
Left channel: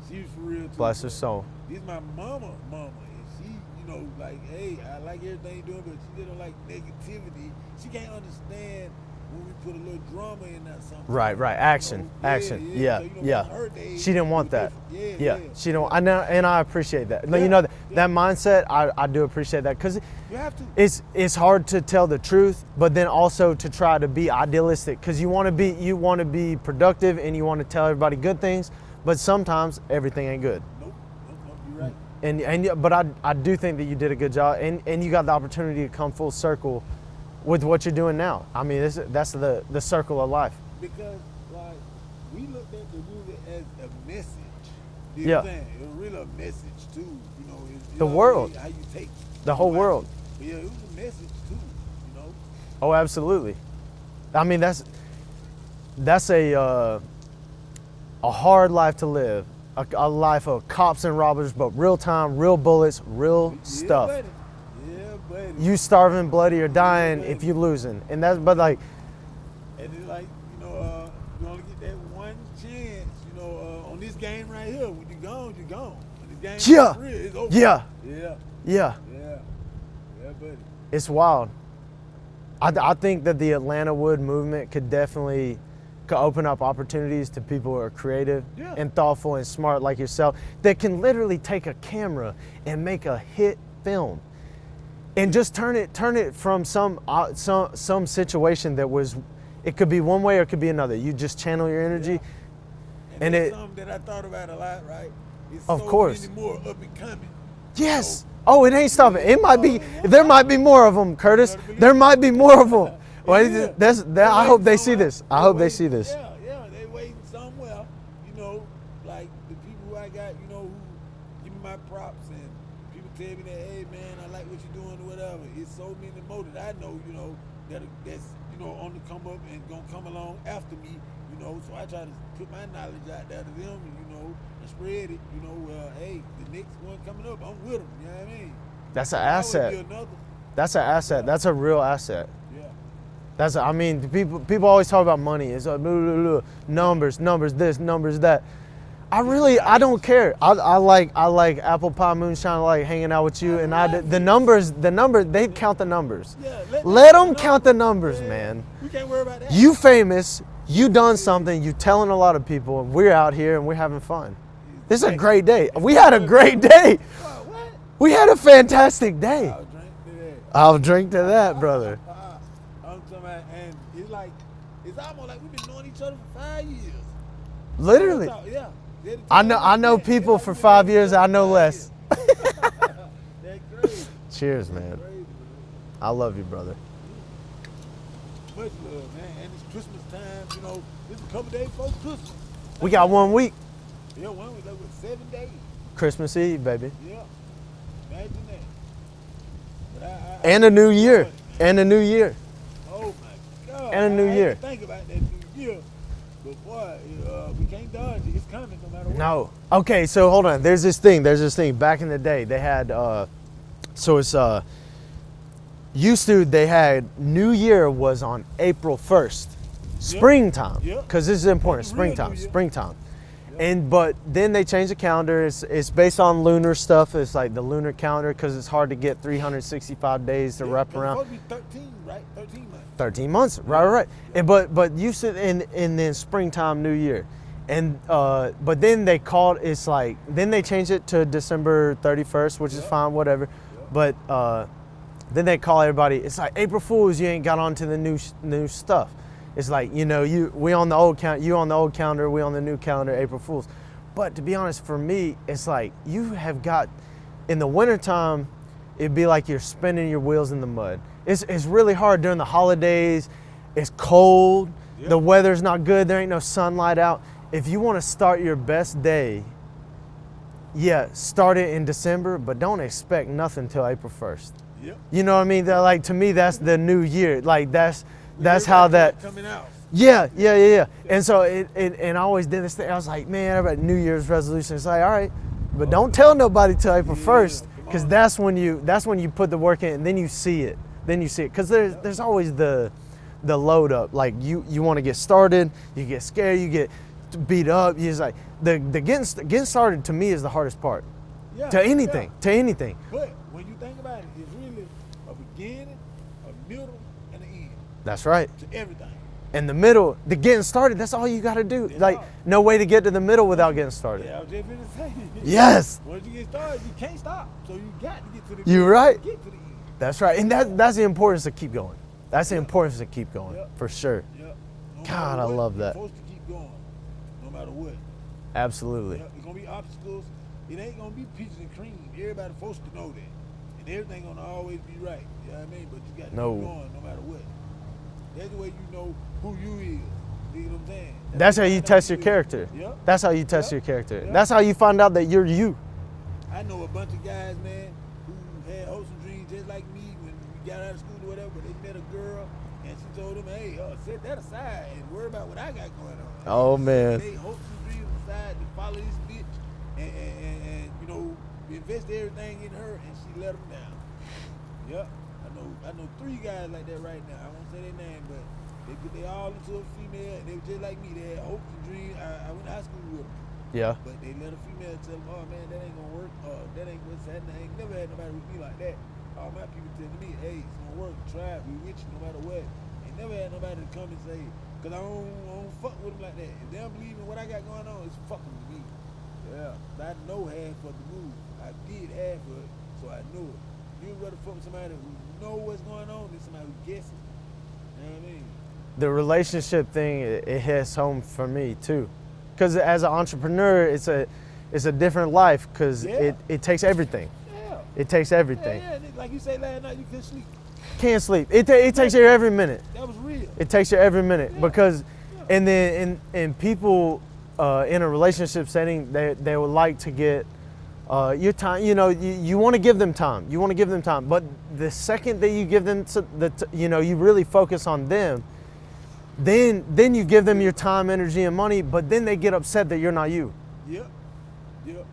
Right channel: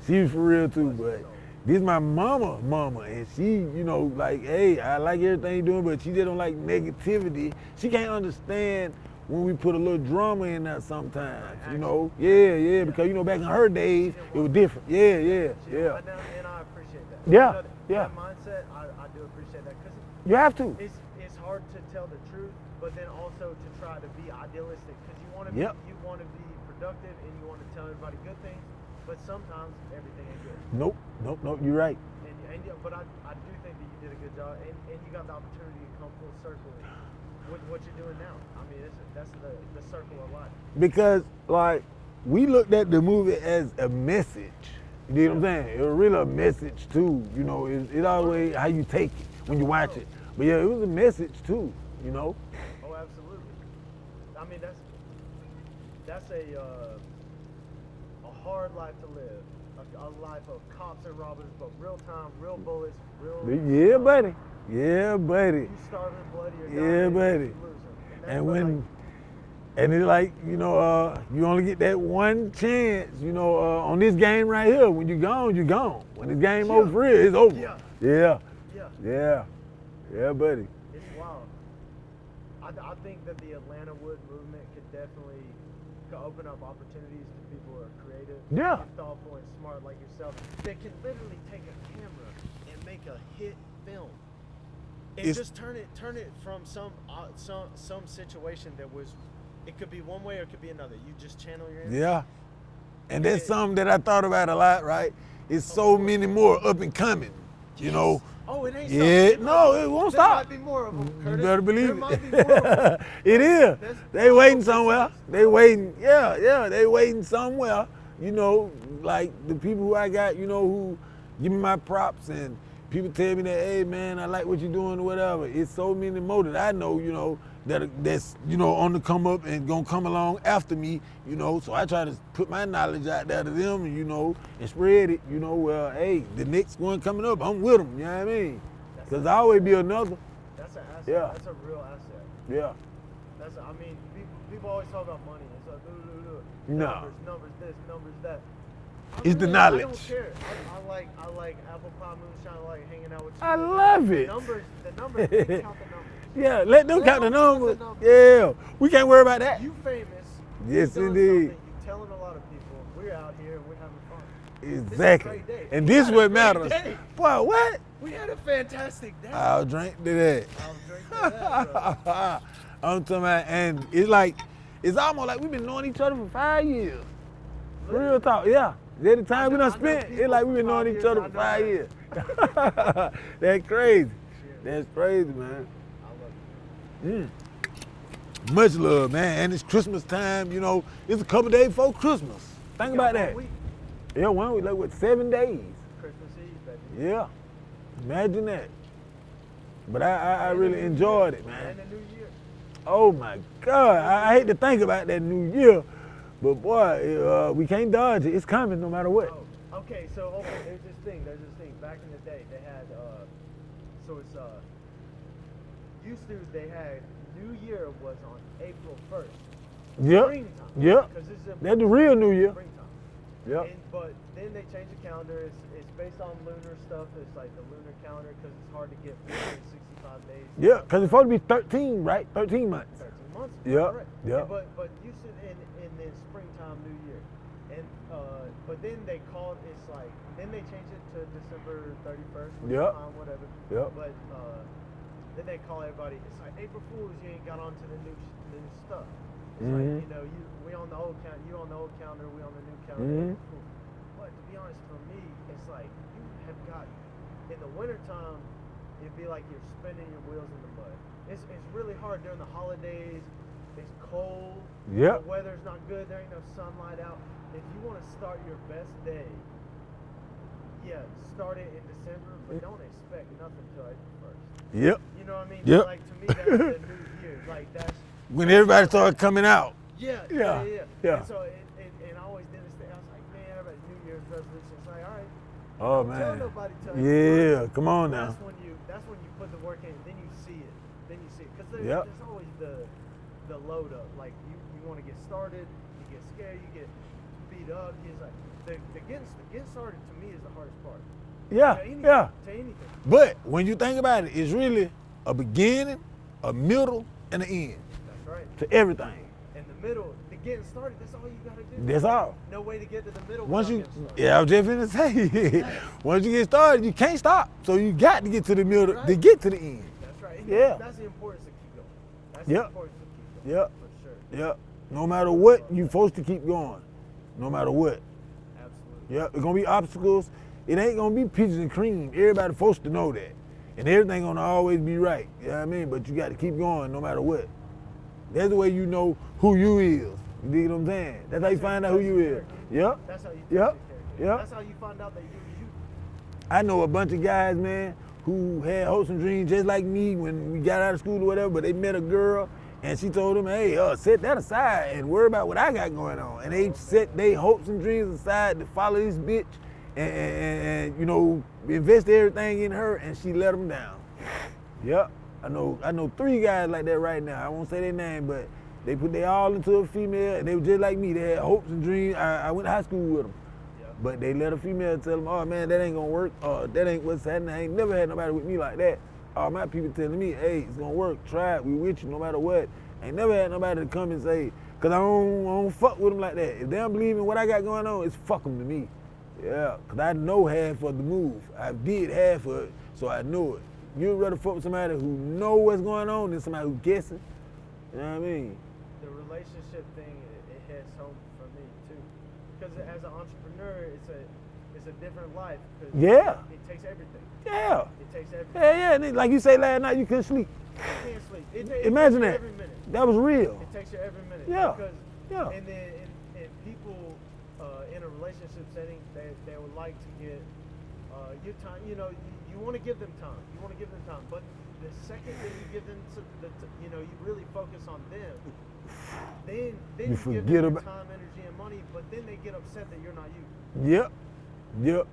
She was for real too. Bless her but soul. This is my mama, and she, you know, like, hey, I like everything you're doing, but she just don't like negativity. She can't understand when we put a little drama in there sometimes. Right, you action. know? Yeah, action. yeah, because, you know, back in her days, she didn't want it was that. different. Yeah. She didn't. I know, and I appreciate that. Yeah, You know, yeah. that mindset, I do appreciate that because You have to. it's hard to tell the truth, but then also to try to be idealistic because you want to be productive and you want to tell everybody good things, but sometimes everything ain't good. Nope, you're right. But I do think that you did a good job, and you got the opportunity to come full circle with what you're doing now. I mean, that's the circle of life. Because, like, we looked at the movie as a message. You know what I'm saying? It was really a message, too. You know, it's The world. how you take it. The when you whole watch world. it. But yeah, it was a message, too, you know? Oh, absolutely. I mean, that's a hard life to live. A life of cops and robbers, but real time, real bullets, real stuff. Buddy. Yeah, buddy. You starving, bloody, or dying buddy. if you losing, and that's And but when- like. And it's like, you know, you only get that one chance, you know, on this game right here. When you're gone, you're gone. When this game's over, for real, it's over. Yeah. Yeah, buddy. It's wild. I think that the Atlanta Wood movement could definitely open up opportunities to people who are creative and thoughtful and smart like yourself that can literally take a camera and make a hit film and just turn it from some situation that was, it could be one way or it could be another. You just channel your energy. Yeah. And that's something that I thought about a lot, right? It's Of so course. many more up and coming. Yes. You know? Oh, it ain't stopping. Yeah, It might no, be. it won't There stop. might be more of them, Curtis. better believe There it. might be more of them. I hope they see somewhere. this. I hope they see this. Yeah, they waiting somewhere. You know, like the people who I got, you know, who give me my props and people tell me that, hey man, I like what you're doing or whatever. It's so many more that I know, you know, that's, you know, on the come up and gonna come along after me, you know. So I try to put my knowledge out there to them, you know, and spread it, you know. Well, hey, the next one coming up, I'm with them. You know what I mean? That's an There'll always asset. be another. That's an asset. Yeah. That's a real asset. Yeah. I mean, people always talk about money. It's like blah, blah, blah, numbers, numbers this, numbers that. I knowledge. don't care. I like apple pie moonshine. I like hanging out with you, I and love the it. numbers. They count the numbers. Yeah, Let them count the numbers, yeah. man. We can't worry about that. You famous. You Yes, done indeed. something. You telling a lot of people. We're out here and we're having fun. This is a Exactly. great day. And We this had a what great matter. day. Wow, what? We had a fantastic day. I'll drink to that. I'll drink to that, brother. I'm talking about, and it's like, it's almost like we've been knowing each other for 5 years. Literally. Real talk, yeah. They're the I time know. we I know spent. It's people like for we've been 5 knowing years. each other I know for 5 less. years. That's crazy. Cheers, That's man. crazy, man. I love you, brother. Much love, man. And it's Christmas time, you know. It's a couple days before Christmas. We Think got about 1 that. week. Yeah, 1 week, like what, 7 days? Christmas Eve, baby. Yeah. Imagine that. But I And a really new year. enjoyed it, man. And a new year. Oh my God. And a new I hate year. to think about that new year. But boy, we can't dodge it. It's coming no matter what. No. Okay, so hold on. There's this thing. Back in the day, they had, they had New Year was on April 1st. Yeah. Springtime. Yeah. Because this is important. That's the real Springtime. New Year. Springtime. And but then they changed the calendar. It's based on lunar stuff. It's like the lunar calendar because it's hard to get 365 days to wrap because it's around. supposed to be 13, right? 13 months. 13 months, Yeah, right. yeah. And but you said in then springtime, New Year, and but then they called it's like then they changed it to December 31st, which is Yeah. fine, whatever. Yeah. But then they call everybody. It's like April Fools. You ain't got onto the new stuff. It's like we on the old count, you on the old calendar, we on the new calendar, April Fools. But to be honest, for me, it's like you have got in the wintertime, it'd be like you're spinning your wheels in the mud. It's really hard during the holidays. It's cold. Yeah. The weather's not good. There ain't no sunlight out. If you want to start your best day, start it in December, but don't expect nothing till April 1st. Yep. You know what I mean? Yep. Like to me, that's the new year. Like that's When how everybody that. started coming out. Yeah. Yeah. And so and I always did this thing. I was like, man, everybody New Year's resolution. It's like, all right, but Oh, don't man. tell nobody till April Yeah, 1st, come on because now. that's when you put the work in, and then you see it. Because there's always the load up. Like you want to get started, you get scared, you get beat up. You just like the getting started to me is the hardest part. Yeah. To anything. yeah. To anything. But when you think about it, it's really a beginning, a middle, and an end That's right. to everything. In the middle, the getting started, that's all you got to do. That's like all. no way to get to the middle without Once you- getting started. Yeah, I was just gonna say. Yes. Once you get started, you can't stop. So you got to get to the You're middle right. to get to the end. That's right. And Yeah. that's the importance to keep going. That's the Yep. importance to keep going. Yep. For sure. Yep. No God, matter I what, love you're that. supposed to keep going. No matter what. Absolutely. Yep. It's gonna be obstacles. It ain't gonna be peaches and cream. Everybody supposed to know that. And everything gonna always be right. You know what I mean? But you gotta No. keep going no matter what. That's the way you know who you is. You dig what I'm saying? That's how you test your character. Yep. That's how you test Yep. your character. Yep. That's how you find out that you're you. I know a bunch of guys, man, who had hopes and dreams just like me when we got out of school or whatever, but they met a girl and she told them, hey, set that aside and worry about what I got going on. And Oh, they man. set their hopes and dreams aside to follow this bitch and you know, invest everything in her, and she let them down. Yep. I know 3 guys like that right now. I won't say their name, but they put their all into a female, and they were just like me. They had hopes and dreams. I went to high school with them. Yeah. But they let a female tell them, oh man, that ain't gonna work. That ain't what's happening. I ain't never had nobody with me like that. All my people telling me, hey, it's gonna work. Try it. We with you no matter what. Ain't never had nobody to come and say, cause I don't fuck with them like that. If they don't believe in what I got going on, it's fuck them to me. Yeah, cause I know half of the move. I did half of it, so I know it. You'd rather fuck with somebody who know what's going on than somebody who guessing. You know what I mean? The relationship thing, it hits home for me too. Because as an entrepreneur, it's a different life because Yeah. it takes everything. Yeah. It takes everything. Yeah, yeah. Like you say last night, you couldn't sleep. Can't sleep. It takes Imagine you that. every minute. That was real. It takes you every minute Yeah. because, Yeah. and then and people in a relationship setting, they would like to get your time. You know, you want to give them time. You want to give them time, but the second that you give them you really focus on them, then you give them forget your about- time, energy, and money. But then they get upset that you're not you. Yep. Yep.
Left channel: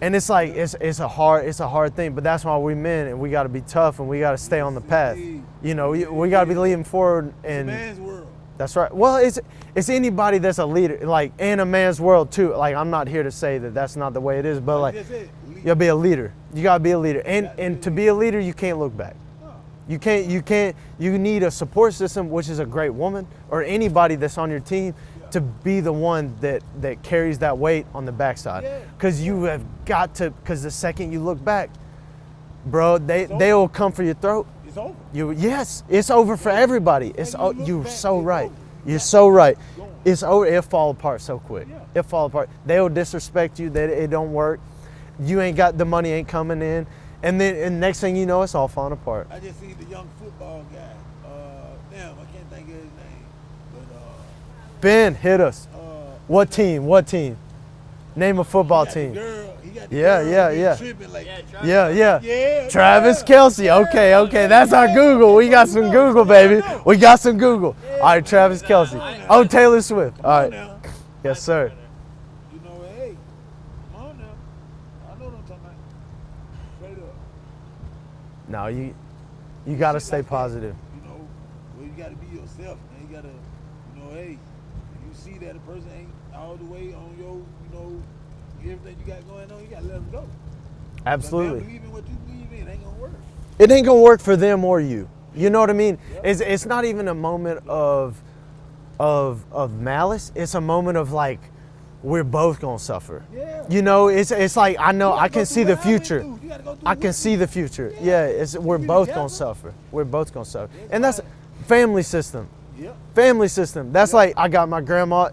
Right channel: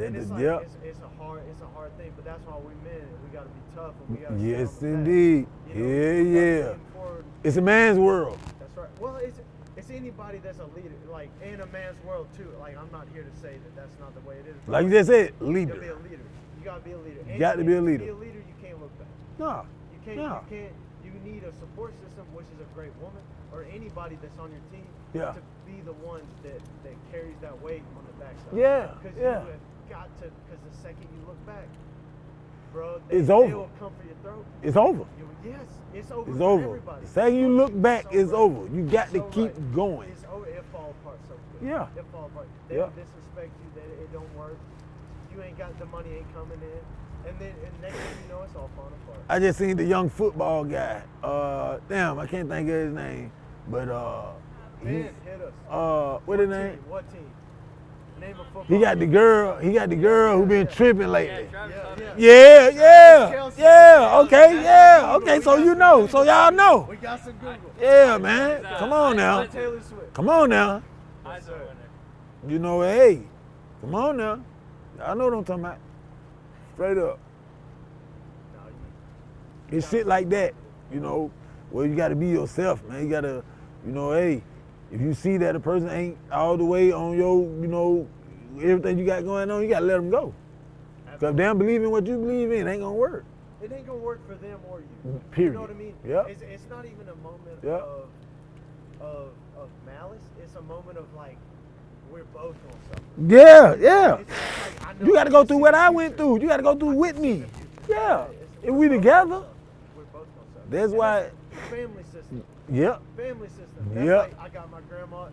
And it's like Yep. it's a hard thing, but that's why we men and we got to be tough and we got to stay Yes, on the path. indeed. You know, Yeah, we got to be yeah. leaning forward. It's a and- man's world. That's right. Well, it's anybody that's a leader, like in a man's world too. Like I'm not here to say that that's not the way it is, but Like like, you just said, you lead. gotta be a leader. You gotta be a leader, and Got to be a to be leader. a leader, you can't look back. No. You can't. No. You can't. You need a support system, which is a great woman or anybody that's on your team, Yeah. to be the one that carries that weight on the backside. Yeah, Because you yeah. have got to. Because the second you look back, bro, they It's over. will come for your throat. It's over. Yes, it's over It's for over. everybody. Second It's you look you're back, so it's right. over. You You're got so to keep right. going. It's over. It'll fall apart so quick. Yeah. It'll fall apart. They'll disrespect you. That it don't work. You ain't got the money. Ain't coming in. And next thing you know, it's all falling apart. I just seen the young football guy. Damn, I can't think of his name. But Ben, hit us. What his name? team? What team? Name a football He got team. the girl. He got the Yeah, girl yeah, who been yeah. tripping lately. Yeah. Yeah, Travis yeah, Kelce. yeah, Okay. That's our yeah, Google. okay, We so got you some know, Google, so y'all baby. know. We got some Google. Yeah, All right, man. Travis Kelce. Come on now. Oh, Taylor Swift. Come All on right. now. Yes, sir. You know, hey, come on now. I know what I'm talking about. Straight up. No, you And gotta shit stay like that, positive. you know, well, you gotta be yourself, man. You gotta, you know, hey, If you see that a person ain't all the way on your, you know, everything you got going on, you gotta let them go. Absolutely. If they don't believe in what you believe in, it ain't gonna work. It ain't gonna work for them or you. You know what I mean? Yep. It's not even a moment Yep. of malice. It's a moment of like, we're both gonna suffer. Yeah, You know, yeah. it's like I You know gotta I go can through see what the I went future. through. You gotta go through I with can see me. the future. Yeah. Yeah, If we're we both together, gonna suffer. We're both gonna suffer. That's And that's why- family system. Yeah. Family system. That's Yep. like I got my grandma.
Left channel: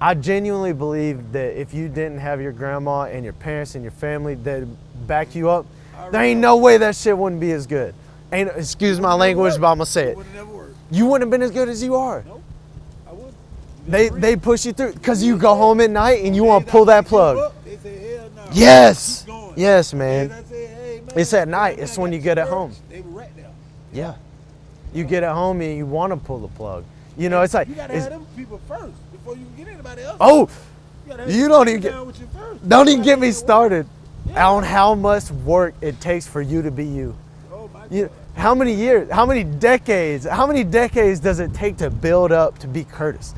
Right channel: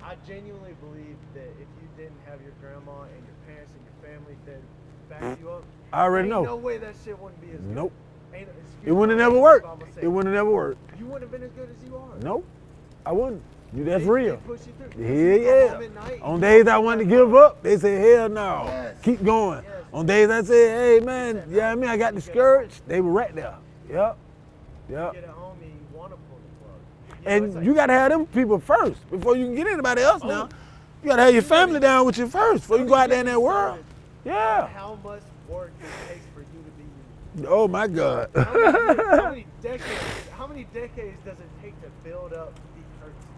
I genuinely believe that if you didn't have your grandma and your parents and your family that back you up, I there already ain't know. no way that shit wouldn't be as good. Ain't excuse It my wouldn't never language, work. but I'ma say It it. wouldn't never work. You wouldn't have been as good as you are. Nope, I wouldn't. That's They real. push you through because Yeah, you go yeah. home at night and On you days want to I pull wanna that give plug. up, they say hell no. Yes. Keep going. Yes, On man. days I say, hey man. It's at you know what night. I mean? It's I when got you get at home. discouraged. They were right there. Yeah. Yeah. You Yeah. get at home and you want to pull the plug. You know, And it's like you gotta have it's- them people first before you can get anybody else. Oh, now. You gotta have you your don't family even- down with you first. Don't Before even get I me in that world. started Yeah. on how much work it takes for you to be you. Oh my God. How many years? How many decades? How many decades does it take to build up to be Curtis?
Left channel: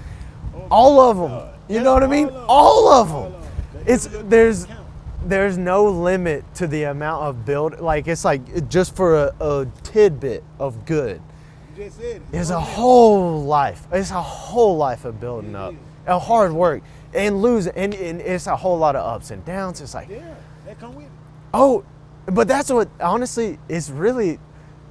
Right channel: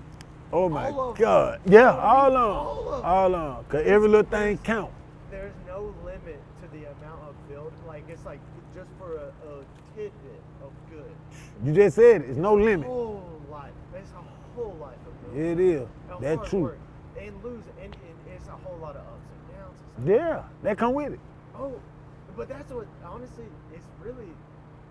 Oh my All of them. God. You know what I mean? All All of All them. of them. 'Cause It's- every little there's- thing count. There's no limit to the amount of build. Like it's like just for a tidbit of good. You just said it. It's no a limit. whole life. It's a whole life of building It up. is. And That's hard true. work and losing, and it's a whole lot of ups and downs. It's like, Yeah, that come with it. oh, but that's what honestly it's really.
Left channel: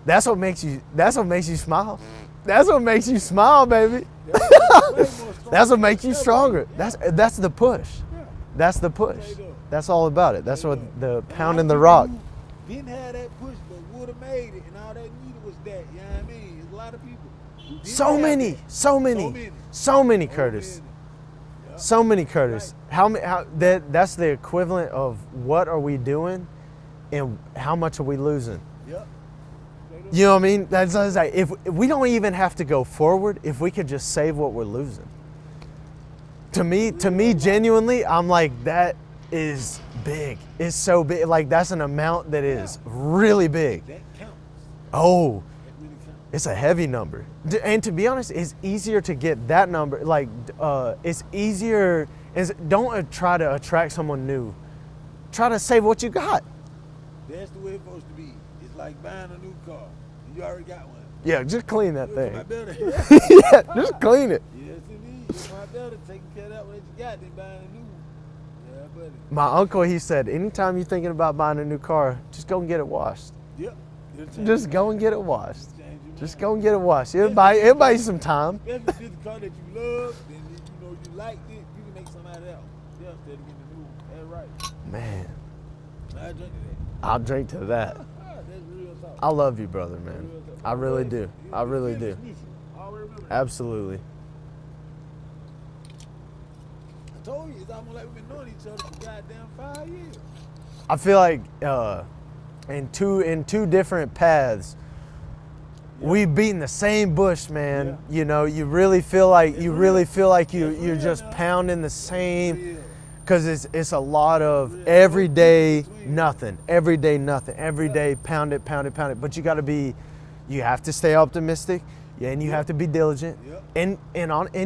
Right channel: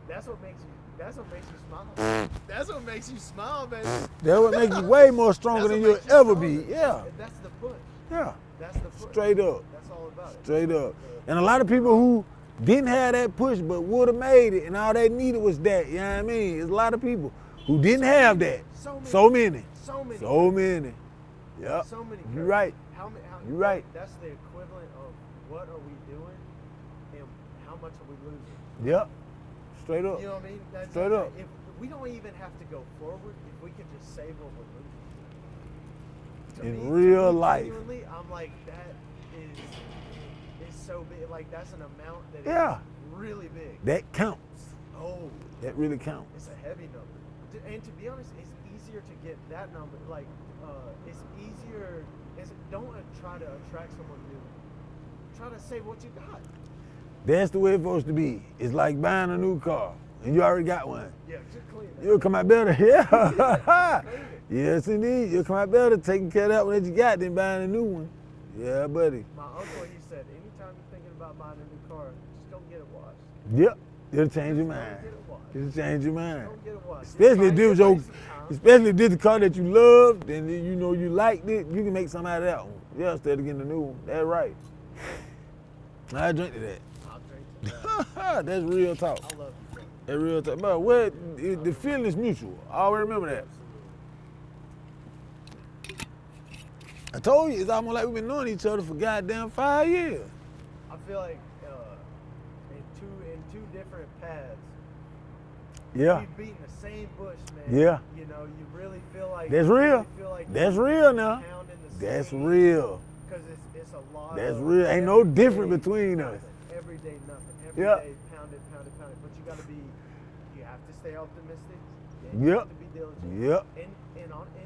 That's what makes you. That's what makes you smile. That's what makes you smile, baby. That's what makes you way more stronger. That's what than makes you ever be. stronger. Yeah. That's the push. Yeah. That's the push. Straight up. That's all about it. That's Straight what up. the And a lot pounding of the people rock. who didn't have that push but would have made it, and all they needed was that. You know what I mean? There's a lot of people who didn't So have many. that. So many. So many. So many. So Curtis. many. Yep. So many, Curtis. right. How many? How Right. that's the equivalent of what are we doing, and how much are we losing? Yep. Straight up. You know what I mean? That's Straight like up. if we don't even have to go forward, if we could just save what we're losing. To me, Real life. genuinely, I'm like that is big. It's so big. Like that's an amount that is Yeah. really big. That counts. Oh, That really counts. it's a heavy number. And to be honest, it's easier to get that number. Like it's easier. Don't try to attract someone new. Try to save what you got. That's the way it's supposed to be. It's like buying a new car, and you already got one. Yeah, just clean that You'll thing. come out better. Yeah. Yeah, just clean it. Yes, indeed. You'll come out better taking care of that one that you got than buying a new one. Yeah, buddy. My uncle, he said, anytime you're thinking about buying a new car, just go and get it washed. Yep. It'll change Just your go mind. and get it washed. Just change your mind. Just go and get it washed. Especially It'll if buy you it's some time. Especially if this is a car that you loved and you know you liked it, you can make something out of that one. Yeah, instead of getting a new one. That's right. Man, I drink to that. I'll drink to that. That's real talk. I love you, brother, That's man. real talk. I really What? do. The I really feeling do. is mutual. I always remember that. Absolutely. I told you, it's almost like we've been knowing each other for goddamn 5 years. I feel like in two different paths, Yeah. we beating the same bush, man. Yeah. You know, you really feel like That's you real. really feel like you're That's real just now. pounding the That's same. real. Because it's a lot That's of real. Ain't no every day difference between that. nothing, every day nothing, every Yeah. day pound it, pound it, pound it. But you got to be, you have to stay optimistic, and you Yep. have to be diligent, Yep. and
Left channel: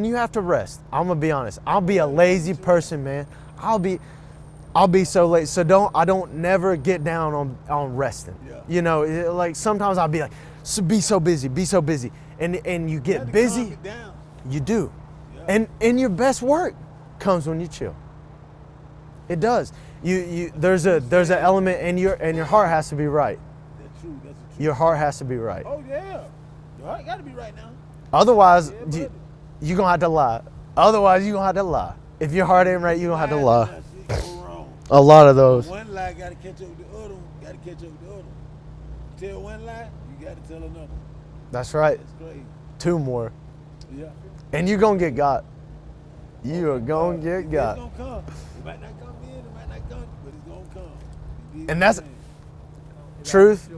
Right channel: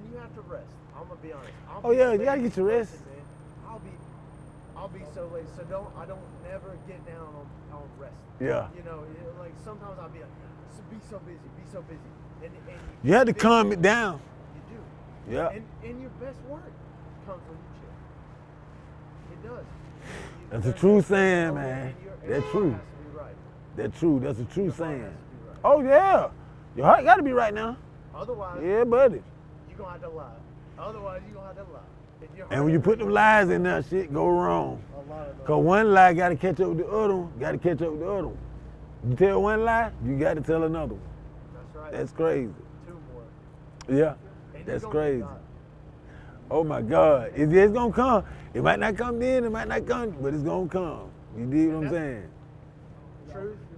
you have to rest. I'm gonna be honest. I'll be yeah, a you gotta lazy get your person, man. I'll be so lazy. So I don't never get down on resting. Yeah. You know, like sometimes I'll be like, be so busy, and you get You have to busy. calm it down. You do. Yeah. And your best work comes when you chill. It does. That's a true there's an saying, element man. and your That's heart true. has to be right. That's true. That's a true Your heart saying. has to be right. Oh, yeah. Your heart got to be right now. Otherwise, Yeah, buddy. you're gonna have to lie. Otherwise, you're gonna have to lie. If your heart And ain't you right, put you're the gonna have to lies in lie. that shit go wrong. A lot of But those. one lie got to catch up with the other one. Got to catch up with the other one. You tell one lie, you got to tell another one. That's right. That's crazy. 2 more. Yeah. And you're That's gonna crazy. get got. You Oh are my gonna God. get It's got. gonna come. It might not come then, it might not come, but it's gonna come. You dig what And I'm that's- saying? Truth.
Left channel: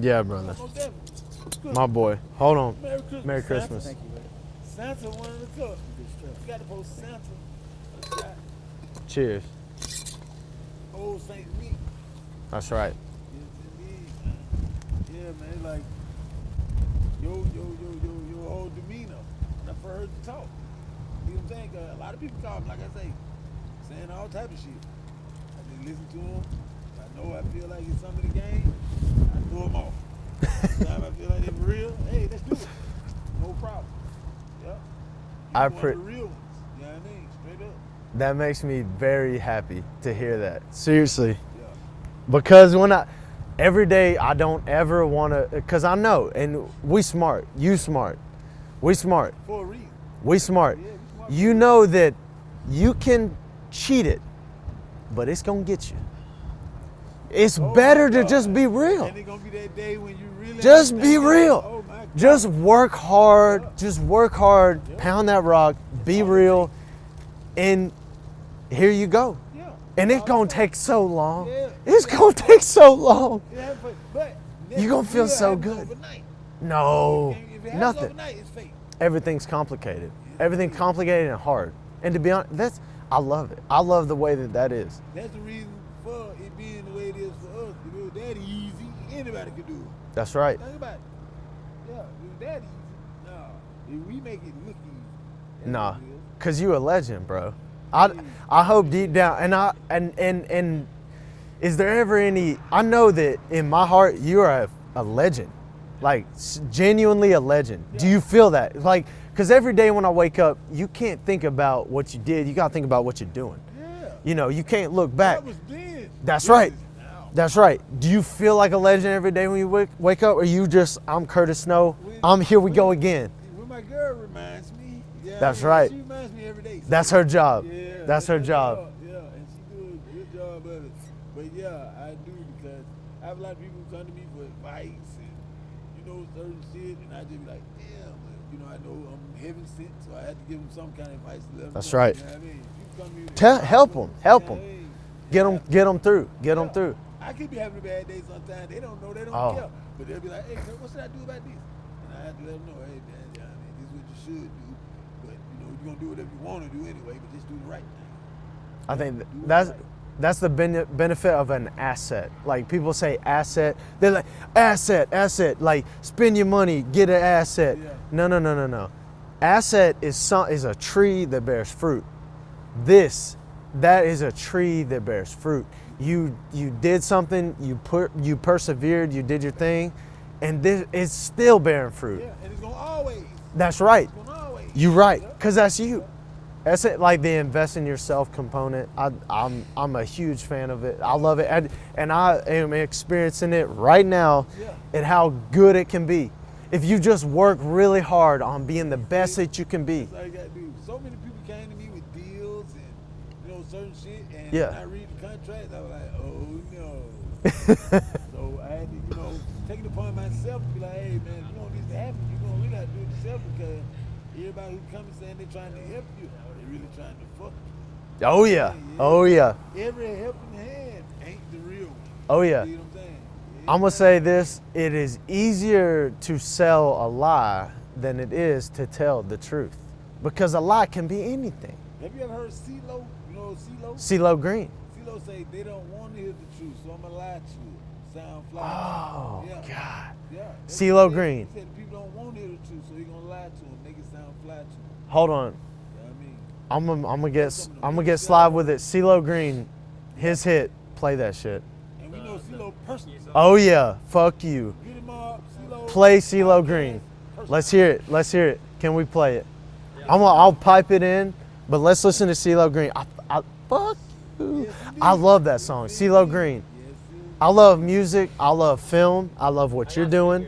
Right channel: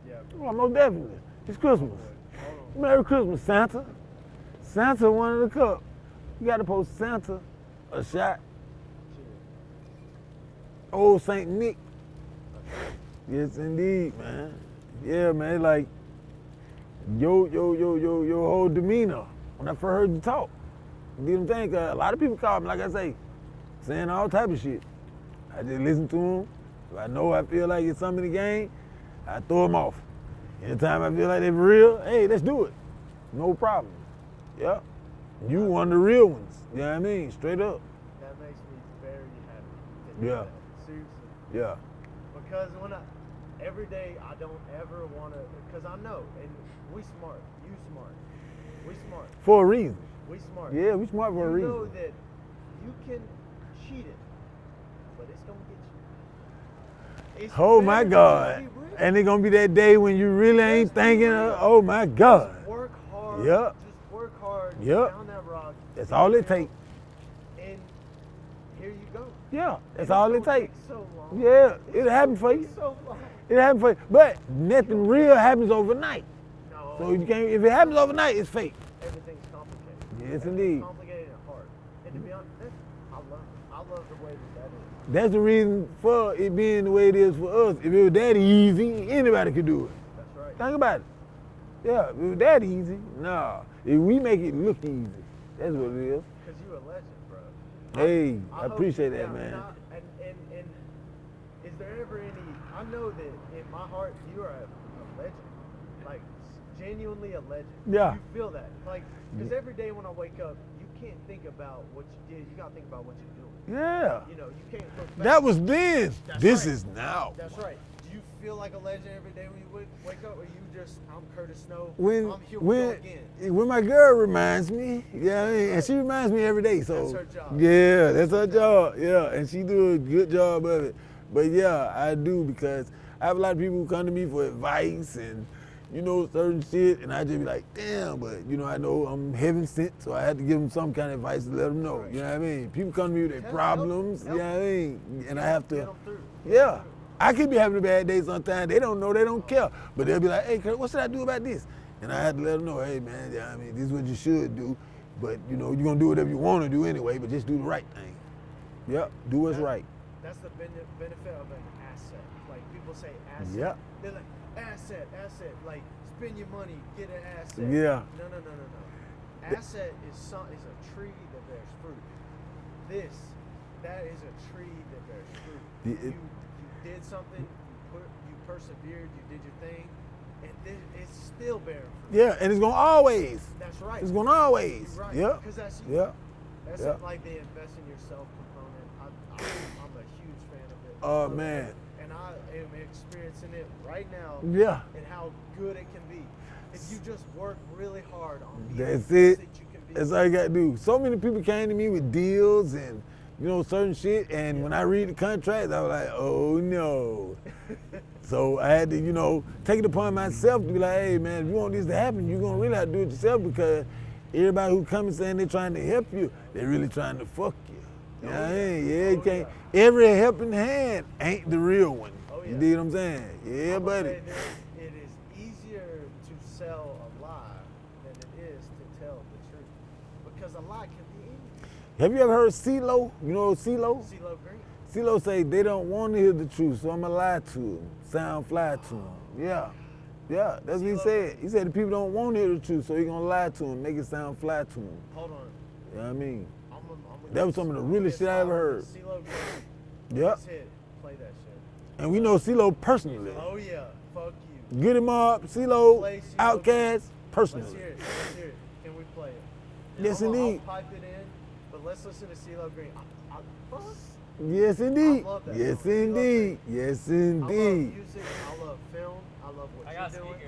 Yeah, Oh, brother. most definitely. It's Christmas. My boy. Hold on. Merry Christmas, Merry Santa. Christmas. Santa wanted a cup. You gotta post Santa a shot. Cheers. Old Saint Nick. That's right. Yes, indeed, man. Yeah, man. Like your whole demeanor when I first heard you talk. You know what I'm saying? 'Cause a lot of people call me, like I say, saying all type of shit. I just listen to them. If I know I feel like it's something in the game, I throw them off. Anytime I feel like they're real, hey, let's do it. No problem. Yeah. You one of the real ones. You know what I mean? Straight up. That makes me very happy to hear Yeah. that. Seriously. Yeah. Because every day I don't ever want to, because I know, and we smart, you smart, we smart, For a reason. we smart. Yeah, we smart. For a You reason. know that you can cheat it, but it's going to get you. It's Oh my better to God. just be real. And it's gonna be that day when you really Just ain't be thinking, real. Oh my God. Just work hard. Yeah. Just work hard. Yeah. Pound that rock. That's be all it real. takes. And here you go. Yeah. And That's it's all gonna it take takes. so long. Yeah. It's It gonna happens for take you. so long. It happens for you. But nothing You gonna feel real so happens good. overnight. No. If it happens nothing. overnight, it's fake. Everything's complicated. Yes, Everything's indeed. complicated and hard. And to be honest, I love it. I love the way that is. That's the reason for it being the way it is for us. If it was that easy, anybody could do it. That's right. Think about it. Yeah, if it was that easy, nah. If we make it look easy, that's Nah, what it is. cause you a legend, bro. Hey, I I hope appreciate deep it, down, man. and is there ever any? I know that in my heart you are a legend, like genuinely a legend. Do Yeah. you feel that? Like, cause every day when I wake up, you can't think about what you did. You gotta think about what you're doing. Yeah. You know, you can't look back. That was then. That's this right. Is now. That's right. Do you feel like a legend every day when you wake up, or you just, I'm Curtis Snow, here we go again? When my girl reminds me, yeah, That's right. She reminds me every day. So, That's her job. Yeah, That's her job. Yeah, and she do a good job of it. But yeah, I do because I have a lot of people who come to me for advice and certain shit, and I just be like, damn, but I know I'm heaven sent, so I had to give them some kind of advice to let them That's know. right. You know what I mean? People come to me with their Help them, problems, help you know what I mean? And Get I them, have to- get them through, get yeah. them through. I could be having a bad day sometimes. They don't know. They don't Oh. care. But they'll be like, hey, Kurt, what should I do about this? And I had to let them know, hey, man, yeah, I mean, this is what you should do. But, you're going to do whatever you want to do anyway, but just do the right thing. I Yeah, think do it that's right. that's the benefit of an asset. Like people say asset, they're like asset. Like spend your money, get an asset. Yeah. No. Asset is a tree that bears fruit. That is a tree that bears fruit. You did something, you persevered, you did your thing, and this is still bearing fruit. Yeah, and it's going to always. That's right. It's going to always. You're right, Yeah. because that's you. Yeah. That's it, like the invest in yourself component. I'm a huge fan of it. I Oh, love man. it, and I am experiencing it right now. Yeah. And how good it can be, if you just work really hard on being the That's best it. that you can be. That's all you got to do. So many people came to me with deals and, certain shit. And Yeah. when I read the contract, I was like, oh, no. So I had to, take it upon myself to be like, hey, man, if you want this to happen, you're going to really have to do it yourself because everybody who comes saying they're trying to help you, they're really trying to fuck you. Oh, You know yeah. what I mean? Oh, yeah. Every helping hand ain't the real one. Oh, yeah. You know what I'm saying? Yeah, I'm gonna buddy. say this: it is easier to sell a lie than it is to tell the truth, because a lie can be anything. Have you ever heard CeeLo? You know CeeLo? CeeLo Green. CeeLo say they don't want to hear the truth, so I'm gonna lie to them. Sound fly to them. Yeah. God. Yeah. That's CeeLo what he said. Green. He said the people don't want to hear the truth, so he gonna lie to them, make it sound fly to them. Hold on. You know what I mean? I'm gonna That get was some of the I'm gonna get realest shit slide I've with it. heard. CeeLo Green, Yep. his hit. Play that shit. And we know CeeLo personally. Oh yeah, fuck you. Get him up, CeeLo. Play CeeLo Outkast, Green. personally. Let's hear it. Let's hear it. Can we play it? Yes, I'll indeed. pipe it in, but let's listen to CeeLo Green. Fuck. Yes, indeed. I love that Yes, song, CeeLo indeed. Green. Yes, indeed. I love music. I love film. I love what you're doing.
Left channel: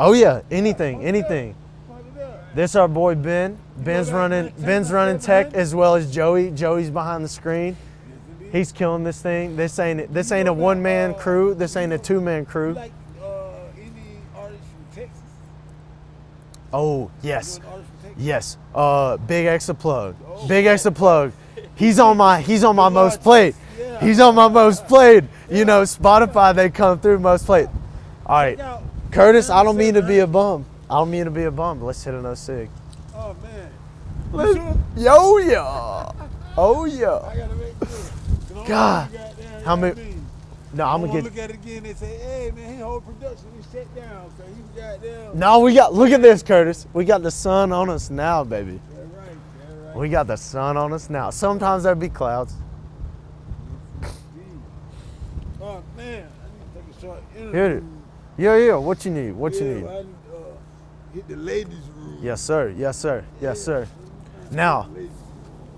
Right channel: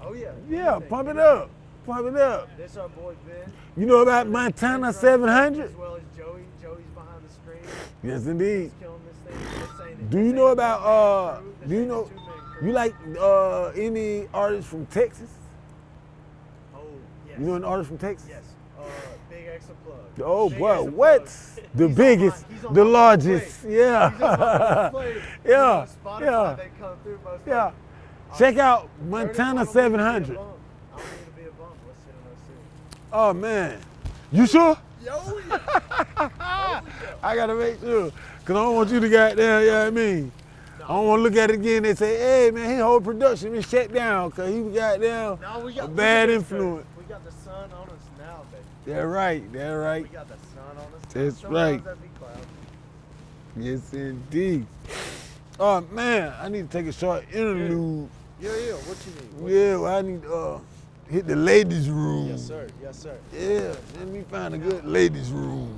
Oh yeah, Yeah, anything, pump it anything. up. Pump it up. This our boy Ben. You know Ben's about running. Montana Ben's running tech 700? as well as Joey. Joey's behind the screen. Yes, indeed. He's killing this thing. This ain't Do This you ain't know a about, one-man crew. This do you ain't a know- two-man crew. You like any artists from Texas? Oh yes, You know an artist from Texas? yes. Big X plug. Oh, Big what? X plug. What? He's The on my biggest, he's on the my most played. largest. Yeah. He's on my most played. Yeah, You know, Spotify yeah. they come through most played. Yeah. All Check right. out Curtis, I Montana don't mean to be a 700. bum. I don't mean to be a bum. But let's hit another cig. Oh man. You sure? Yo yeah. Oh yeah. I gotta make sure. Cause I don't God. want you to goddamn, you know How what I many- mean? No, I I'm don't want to gonna look at it again. They say, hey, man, his whole production been shut down because he got down. No, we got. Look at Bad this, influence. Curtis. We got the sun on us now, baby. That's right. That's right. We got the sun on us now. That's Sometimes right. there be clouds. Yes, indeed. Oh, man, I need to take a short interview. Yeah. What you need? What you yeah, need? well, I need to hit the ladies' room. Yes, sir. Yes, sir. Yes, Yeah, sir. Let me find a Now. good ladies' room.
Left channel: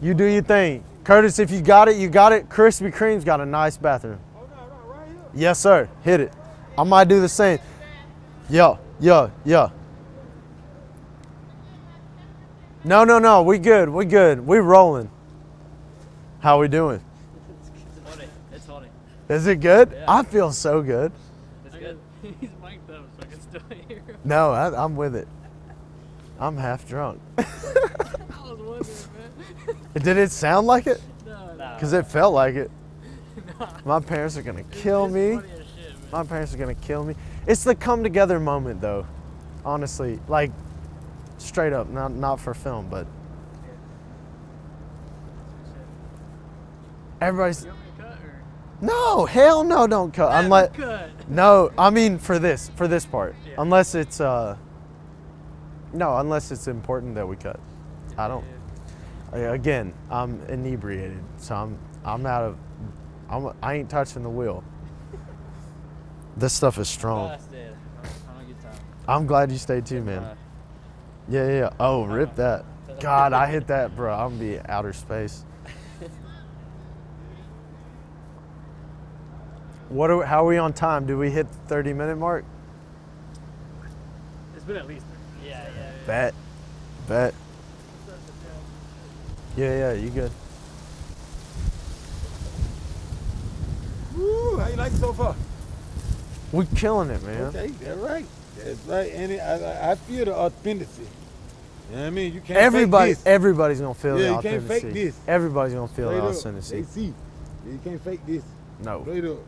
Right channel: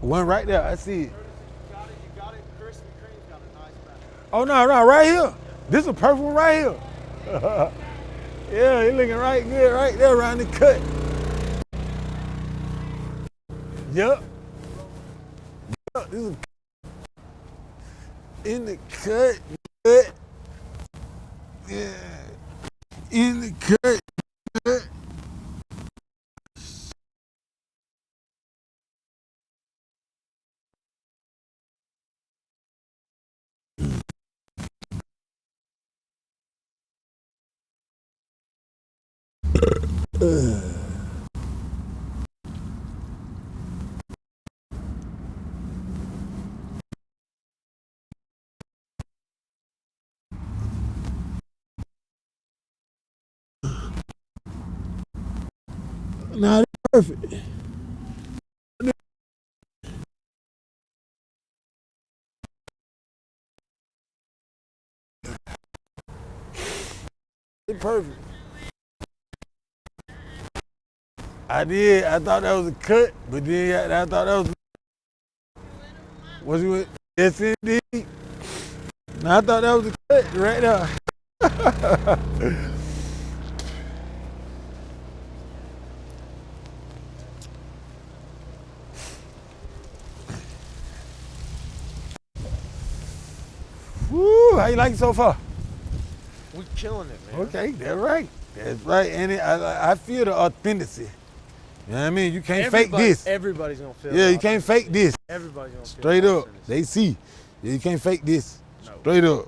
You One do your right there, I see thing. it. Curtis, if you got it, you got it. Krispy Kreme's got a nice bathroom. Oh, no, right here. Yes, sir. This is a Hit perfect it. one right here. I might do the same. Yeah, he looking right yo. there, right there around the cut. No. We good. We Yeah. good. We rolling. This is How we doing? in the cut. Is it good? Yeah. I feel so good. In the cut. No, I'm with it. I'm half drunk. I was wondering, man. Did it sound like it? No. Because it felt like it. My parents are gonna kill me. Funny as shit, man. My parents are gonna kill me. It's the come together moment though. Honestly. Like straight up. Not for film, but everybody's You want me to cut or? no, hell no, don't cut. Unless Cut. no, I mean for this part. Yeah. Unless it's unless No, it's it's important perfect. that we cut. I don't again, I'm inebriated, so I ain't touching the wheel. This stuff is strong. It's perfect. I'm glad you stayed too, man. Yeah. I did. I rip thought that was a cut. God, I But hit then that, I bro. thought that was The outer space. Was you? Yes, indeed. Now, I thought that was a What? cut How are we right on there. time? Did we hit the 30-minute mark? It's been at least. Yeah. Bet. Yeah, you good. Woo! How you like it so far? We killing it, man. Okay, that's right. That's right. And I feel the authenticity. You know what I mean? You can't fake this. Everybody's gonna feel. Yeah, the you can't fake authenticity. this. Everybody's gonna feel Straight the up. authenticity. They see. Yeah, you can't fake this. No, Straight up.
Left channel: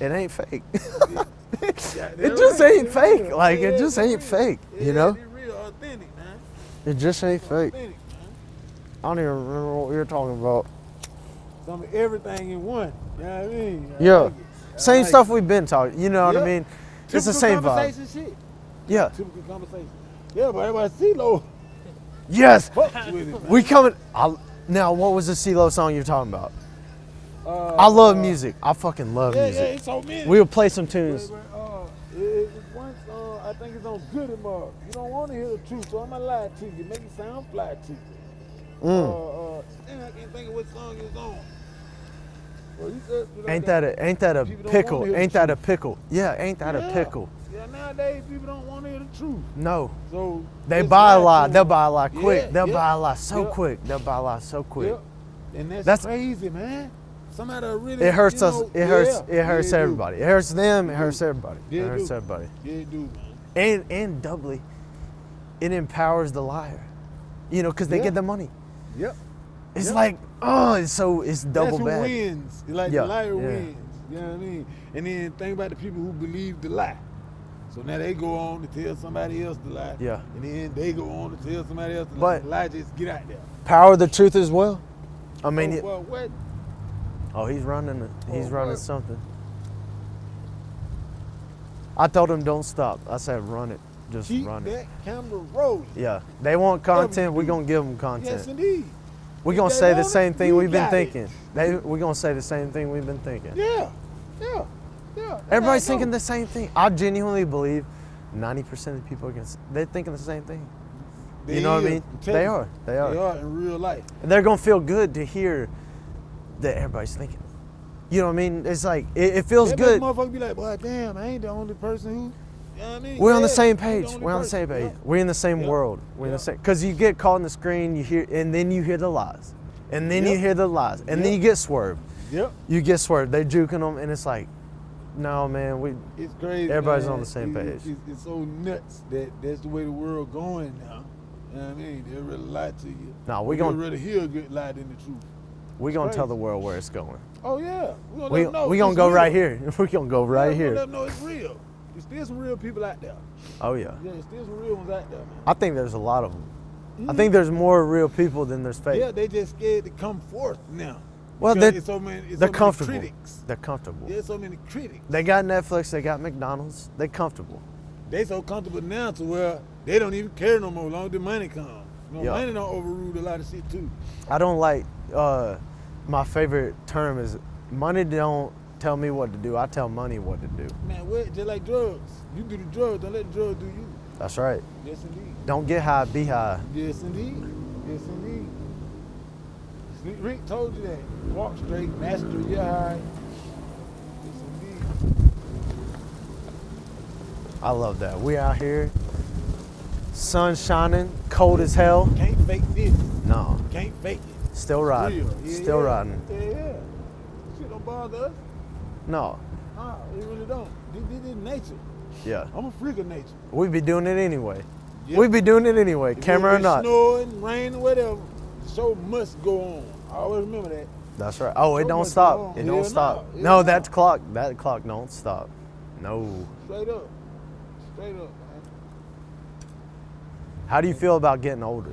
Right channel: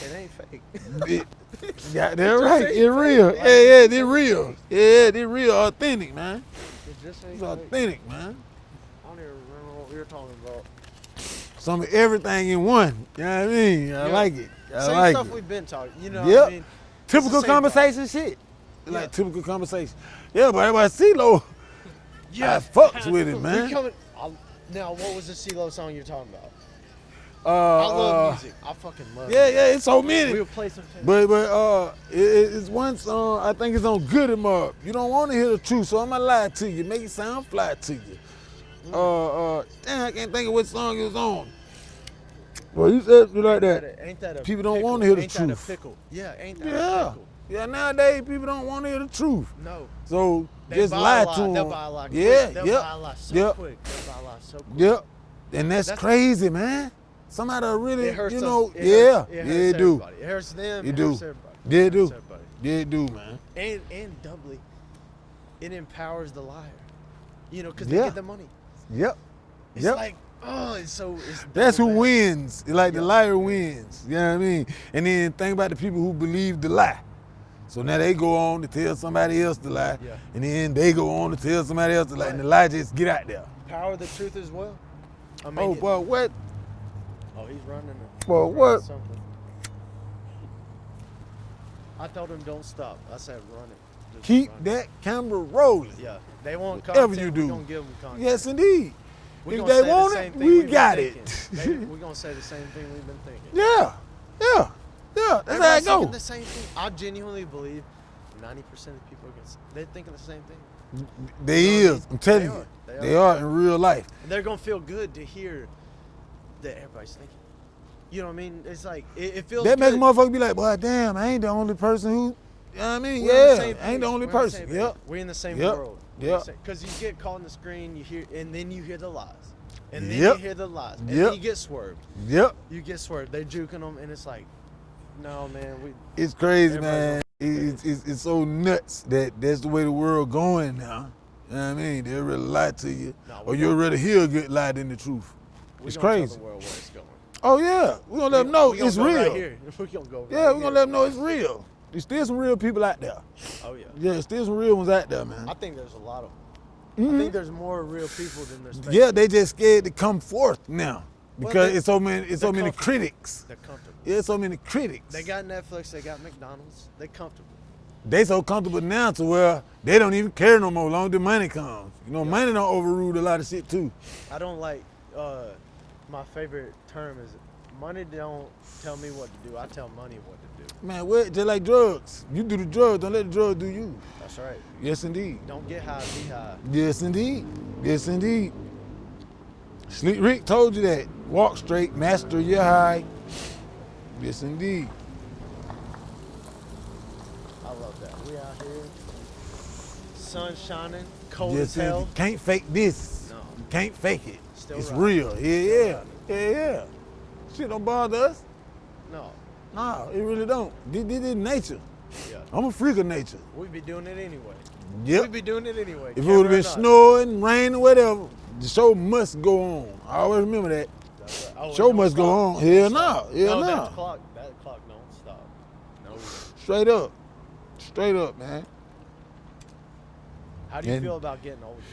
it ain't fake. Yeah, It that's just right. ain't It's fake. real. Like, yeah, it just it's ain't real. fake, Yeah, you know? it's real, authentic, man. It just ain't It's fake. authentic, man. I don't even remember what we were talking about. Some of everything in one. You know what I mean? I Yeah. like it. I Same like stuff it. we've been talking. You know what Yep. I mean? It's the Typical same vibe. conversation shit. Yeah. Like typical conversation. Yeah, but everybody CeeLo. Yes, fucks with it, man. We coming. Now, what was the CeeLo song you're talking about? I love music. I fucking love Yeah, music. yeah, it's so many. We'll play some tunes. But it's one song, I think it's on Good 'Em Up. You don't want to hear the truth, so I'm going to lie to you. Make it sound fly to you. Damn, I can't think of what song it was on. Well, you said it like ain't that a People don't pickle? wanna hear the Ain't that a truth. pickle? Yeah, ain't that a pickle? Yeah, nowadays people don't want to hear the truth. No. So They just buy lie a to lot. 'em. They'll buy a lot quick. Yeah, They'll yep, buy a lot so yep, quick. They'll buy a lot so quick. Yep. And that's That's- crazy, man. Somebody really, It hurts you us. know, It yeah, hurts. It yeah, hurts do. everybody. It hurts them. It It do. hurts everybody. Yeah, It it hurts do. everybody. Yeah, it do, man. And doubly, it empowers the liar. You know, because they Yeah. get the money. Yep. It's Yep. like, it's double That's who bad. wins. Like Yeah, the liar yeah. wins. You know what I mean? And then think about the people who believe the lie. So now they go on to tell somebody else the lie. Yeah. And then they go on to tell somebody else the lie. Right. And the lie just get out there. Power the truth as well. I mean, Well, what? he's running it. Well, He's running what? something. I told him don't stop. I said run it. Just Keep run it. that camera rolling. Yeah. They want Whatever you content. We're do. going to give them content. Yes, indeed. We're If going to they say the want it, same thing we we've been got it. thinking. We're going to say the same thing we've been thinking. Yeah. Yeah. Yeah. That's Everybody's how it thinking go. the same thing. I genuinely believe 90% of people they're thinking the same thing. They You know what I is. mean? I'm telling They you. are. They are. They are in real life. And they're going to feel good to hear that everybody's thinking it. You know what I mean? It's like, it feels That makes good. motherfucker be like, well, damn, I ain't the only person who, you know what I mean? We're on the Yeah, same I page. ain't the only We're on the person. same page. Yep. We're in the same Yep. world. Yep. Because you get caught on the screen, you hear, and then you hear the lies, and then Yep. you hear the lies, and Yep. then you get swerved. Yep. You get swerved. They're juking them, and it's like, no, man, It's crazy, Everybody's man. on the same page. It's so nuts that that's the way the world going now. You know what I mean? They'll really lie to you. Nah, or we you'll gon- rather hear a good lie than the truth. we're It's gonna tell crazy. the world where it's going. Oh, yeah. We're going to let them know We're gonna it's go real. right here. We're gonna go Yeah, right we're here. going to let them know it's real. There's still some real people out there. Oh yeah. Yeah, there's still some real ones out there, man. I think there's a lot of them. I think there's more real people than there's fake. Yeah, they just scared to come forth now. Well, Because they- it's so many they're comfortable. critics. They're comfortable. Yeah, so many critics. They got Netflix, they got McDonald's, they comfortable. They so comfortable now to where they don't even care no more. Long as the money comes. You know, Yeah. money don't overrule a lot of shit too. I don't like, my favorite term is money don't tell me what to do, I tell money what to do. Man, what? Just like drugs. You do the drugs, don't let the drugs do you. That's right. Yes, indeed. Don't get high, be high. Yes, indeed. Yes, indeed. Sleep Rick told you that. Walk straight, master your high. Yes, indeed. I love that. We out here, sun shining, cold Yes, as hell. Can't fake this. No, Can't fake it. still It's riding. real. Yeah, Still yeah. riding. Yeah, yeah. Shit don't bother us. No, No, it really don't. This is nature. yeah. I'm a freak of nature. We be doing it anyway. Yep. We be doing it anyway, If it camera would or have been not. snowing, raining, whatever, the show must go on. I always remember that. That's right. Oh, Show it don't must go stop. on. It don't Hell stop. no. Hell No, no. that clock don't stop. No. Straight up. Straight up, man. How do you And- feel about getting older?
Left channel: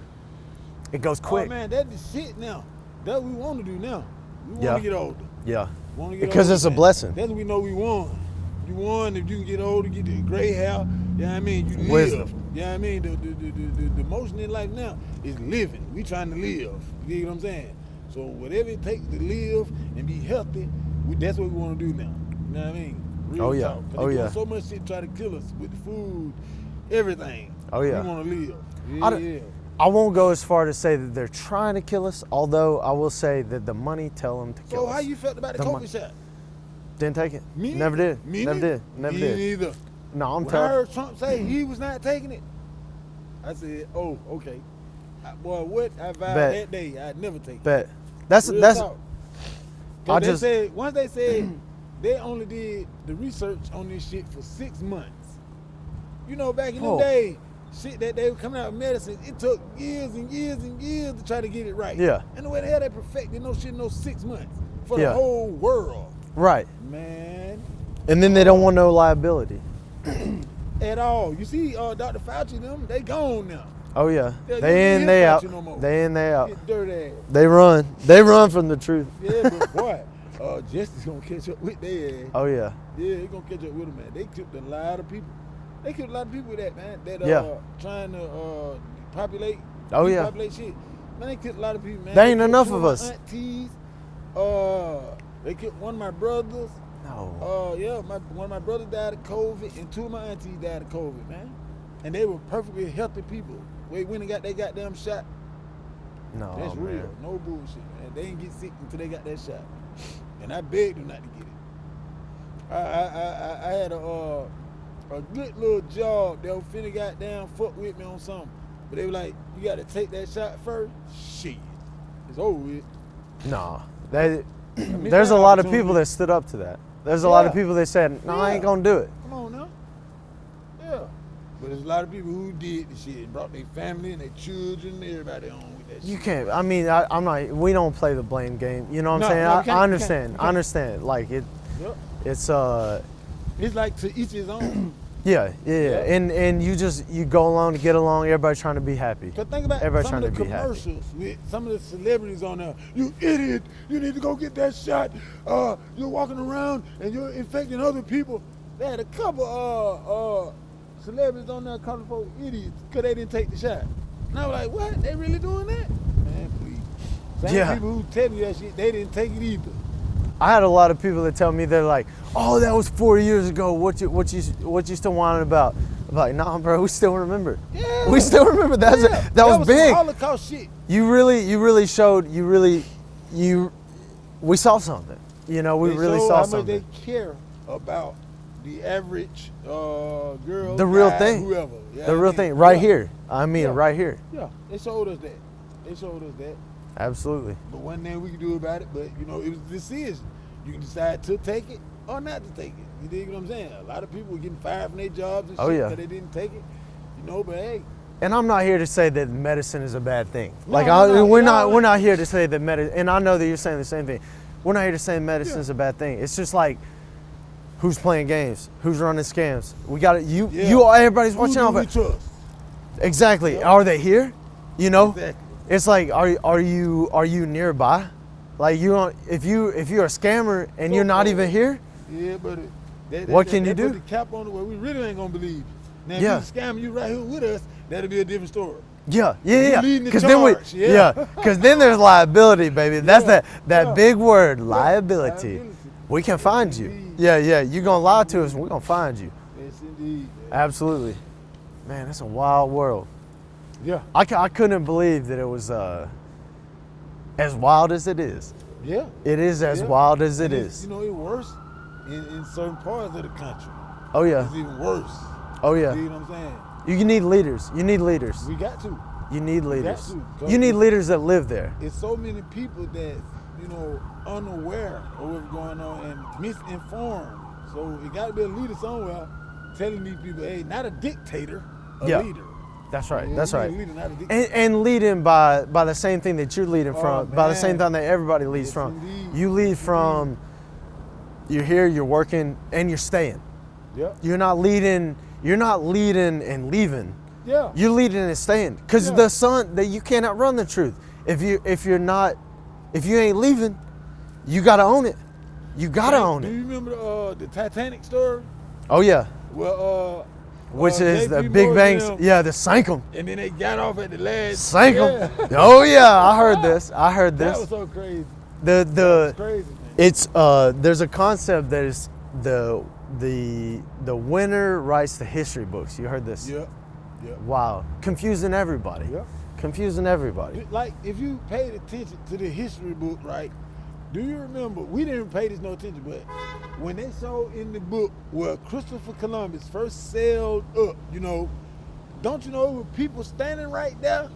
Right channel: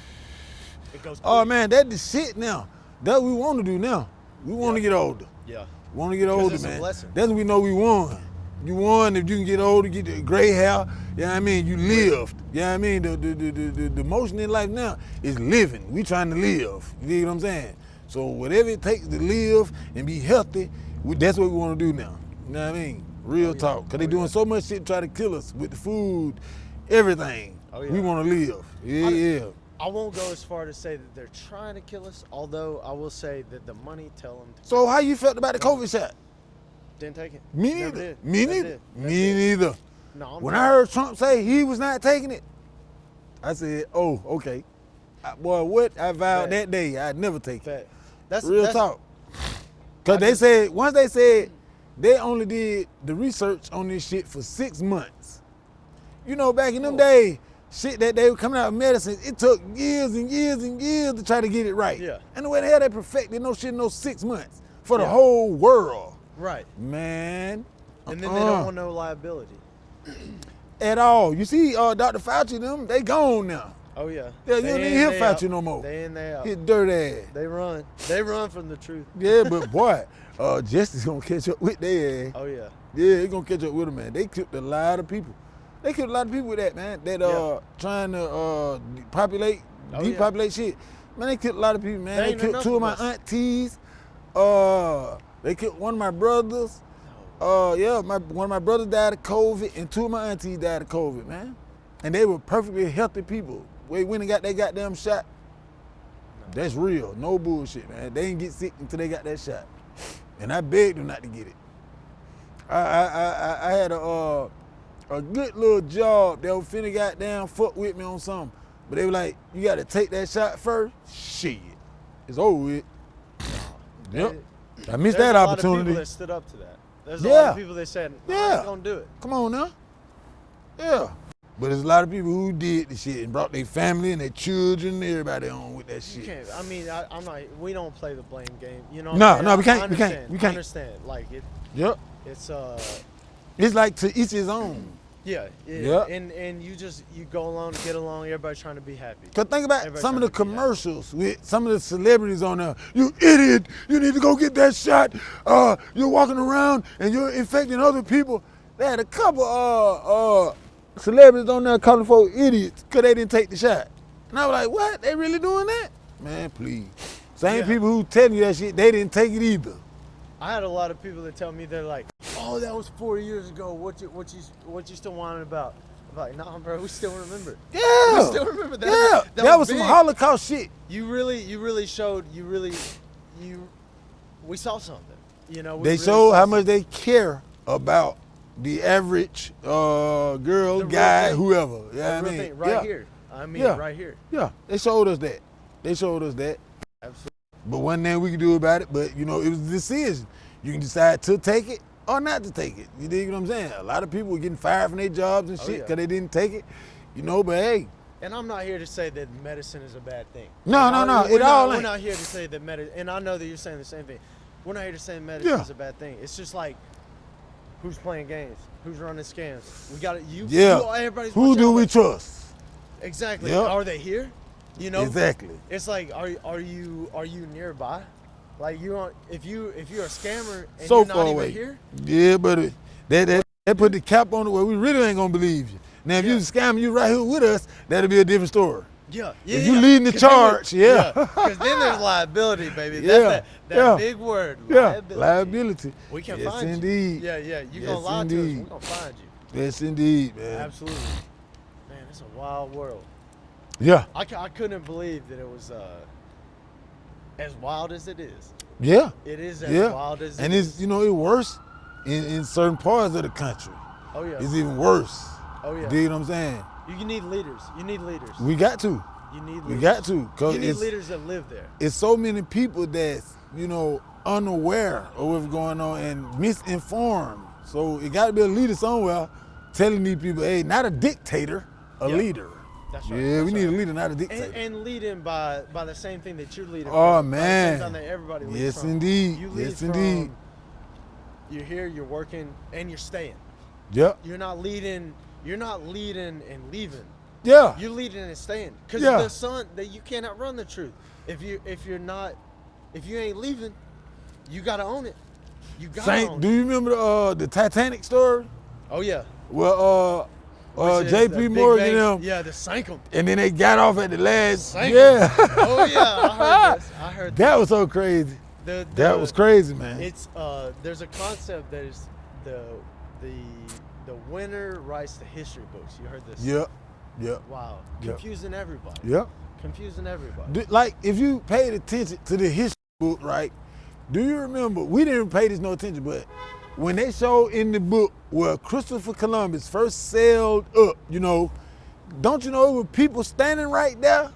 It goes quick. Oh man, that's the shit now. That's what we want to do now. We want Yeah. to get older. Yeah. Want to get Because older, it's a man. blessing. That's what we know we won. You won if you can get older, get the gray hair. You know what I mean? You Wisdom. lived. You know what I mean? The motion in life now is living. We trying to live. You get what I'm saying? So whatever it takes to live and be healthy, that's what we want to do now. You know what I mean? Real Oh, yeah. talk. Because Oh, they doing yeah. so much shit to try to kill us with the food, everything. Oh, yeah. We want to live. Yeah, I don't- yeah. I won't go as far to say that they're trying to kill us, although I will say that the money tell them to kill So us. how you felt about the Come on. COVID shot? Didn't take it. Me Never neither. did. Me Never neither. did. Never Me did. neither. No, I'm When I telling. heard Trump say he was not taking it, I said, "Oh, okay." Boy, what I vowed Bet. that day, I'd never take it. But that's Real that's talk. Cause I they just- said once they said they only did the research on this shit for 6 months. You know, back in them Oh. days, shit that they were coming out with medicine, it took years and years and years to try to get it right. Yeah. And the way the hell they perfected no shit in those 6 months for the Yeah. whole world, right. man. And then they don't want no liability. At all. You see, Dr. Fauci, them, they gone now. Oh yeah. Yeah, you They don't in, hear they Fauci out. no more. They in, they out. His dirt ass. They run. They run from the truth. Yeah, but boy, justice gonna catch up with their ass. Oh yeah. Yeah, it's gonna catch up with them, man. They killed a lot of people. They killed a lot of people with that, man. That Yeah. trying to populate, Oh, yeah. depopulate shit. Man, they killed a lot of people, man. They ain't killed enough two of my us. aunties. They killed one of my brothers. No. Yeah, one of my brothers died of COVID, and two of my aunties died of COVID, man. And they were perfectly healthy people. They went and got that goddamn shot. No. That's real. No bullshit, man. They didn't get sick until they got that shot. And I begged them not to get it. I had a good little job that was finna goddamn fuck with me on something. But they were like, you gotta take that shot first? Shit. It's over with. No. Yep. I missed There's that a lot of opportunity. people that stood up to that. There's a lot of Yeah. people that said, no, I ain't Yeah. gonna do it. Come on now. Yeah. But there's a lot of people who did the shit and brought their family and their children and everybody on with that shit. You can't. I mean, I'm not. We don't play the blame game. You know what No, I'm saying? no, we can't, I we can't, understand. we I can't. understand. Like it. Yep. It's It's like to each his own. Yeah. Yep. And you go along to get along. Everybody trying to be happy. Cause think about Everybody some of the trying to be happy. commercials with some of the celebrities on there. You idiot! You need to go get that shot. You're walking around and you're infecting other people. They had a couple celebrities on there calling for idiots because they didn't take the shot. And I was like, what? They really doing that? Man, please. Same Yeah. people who tell you that shit, they didn't take it either. I had a lot of people that tell me they're like, oh, that was 4 years ago. What you still whining about? I'm like, nah, bro, we still remember. Yeah. We still remember that. Yeah. That was some big. Holocaust shit. You really showed. We saw something. You know, we They really show saw how something. much they care about the average girl, The real guy, thing. whoever. You know The what I real mean? thing, right Yeah. here. I mean, Yeah. right here. Yeah, they showed us that. They showed us that. Absolutely. But one thing we can do about it, but you know, it was a decision. You can decide to take it or not to take it. You dig what I'm saying? A lot of people were getting fired from their jobs and Oh, shit yeah. because they didn't take it. You know, but hey, And I'm not here to say that medicine is a bad thing. No, like, no, we're it not. all We're ain't. not here to say that medicine. And I know that you're saying the same thing. We're not here to say medicine Yeah. is a bad thing. It's just like, who's playing games? Who's running scams? We got to. You. Everybody's Who watching do out. we trust? Exactly. Yeah. Are they here? You know. Exactly. It's like, are you nearby? Like if you're a scammer and So you're not far even away. here, Yeah, but What can they you put do? the cap on it where we really ain't gonna believe you. Now, if Yeah. you scam you right here with us, that'll be a different story. yeah. If you leading the 'Cause then charge, yeah. Because then there's liability, baby. That's Yeah, that yeah. big word, Yeah, liability. liability. We can Yes, find indeed. you. Yeah. You gonna Yes, lie to us, indeed. we're gonna find you. Yes, indeed, man. Absolutely. Man, it's a wild world. Yeah, I couldn't believe that it was as wild as it is. yeah. It is as Yeah. wild as it and is. it's, you know, it's worse in certain parts of the country. Oh yeah. It's even worse. Oh yeah. You know what I'm saying? You need leaders. You need leaders. We got to. You need leaders. got to, 'cause You need it's- leaders that live there. It's so many people that's, you know, unaware of what's going on and misinformed. So it got to be a leader somewhere telling these people, hey, not a dictator, a Yeah. leader. That's right. Yeah, That's we right. need a leader, not a dictator. And leading by the same thing that you're leading Oh, from, by the same man. thing that everybody leads Yes, from. indeed. You lead Yes, from. indeed. You're here. You're working, and you're staying. Yep. You're not leading. You're not leading and leaving. Yeah. You're leading and staying. Because Yeah. the son that you cannot run the truth. If you ain't leaving, you gotta own it. You gotta Frank, own do it. you remember the Titanic story? Oh yeah. Well, Which is JP the Big Morgan Bang. them, Yeah, the sank 'em. and then they got off at the last. Sank yeah. 'em. Oh yeah, I heard this. I heard this. That was so crazy. the That was crazy, man. It's there's a concept that is the winner writes the history books. You heard this? Yep. Yep. Wow. Confusing everybody. Yep. Confusing everybody. Like, if you paid attention to the history book, right? Do you remember? We didn't pay this no attention, but when they showed in the book where Christopher Columbus first sailed up, you know, don't you know it was people standing right there?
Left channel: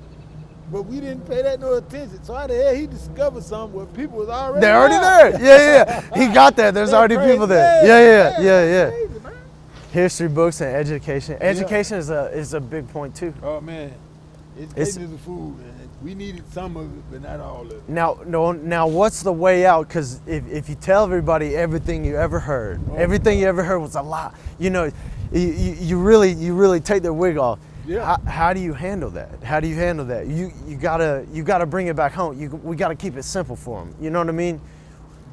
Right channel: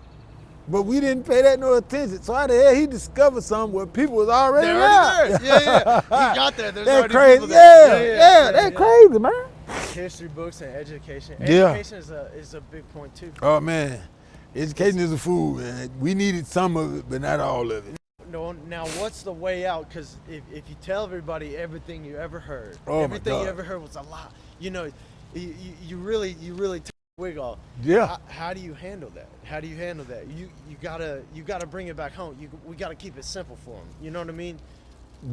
But we didn't pay that no attention. So how the hell he discovered something where people was already They're already there. Yeah. He got that. There's That's already crazy. people there. That's Yeah. crazy, man. History books and education. Education is a big point too. Oh man, education is a fool, man. We needed some of it, but not all of it. Now, what's the way out? Because if you tell everybody everything you ever heard, Oh, everything you God. ever heard was a lie. You know, you really take their wig off. Yeah. How do you handle that? How do you handle that? You gotta bring it back home. We gotta keep it simple for them. You know what I mean?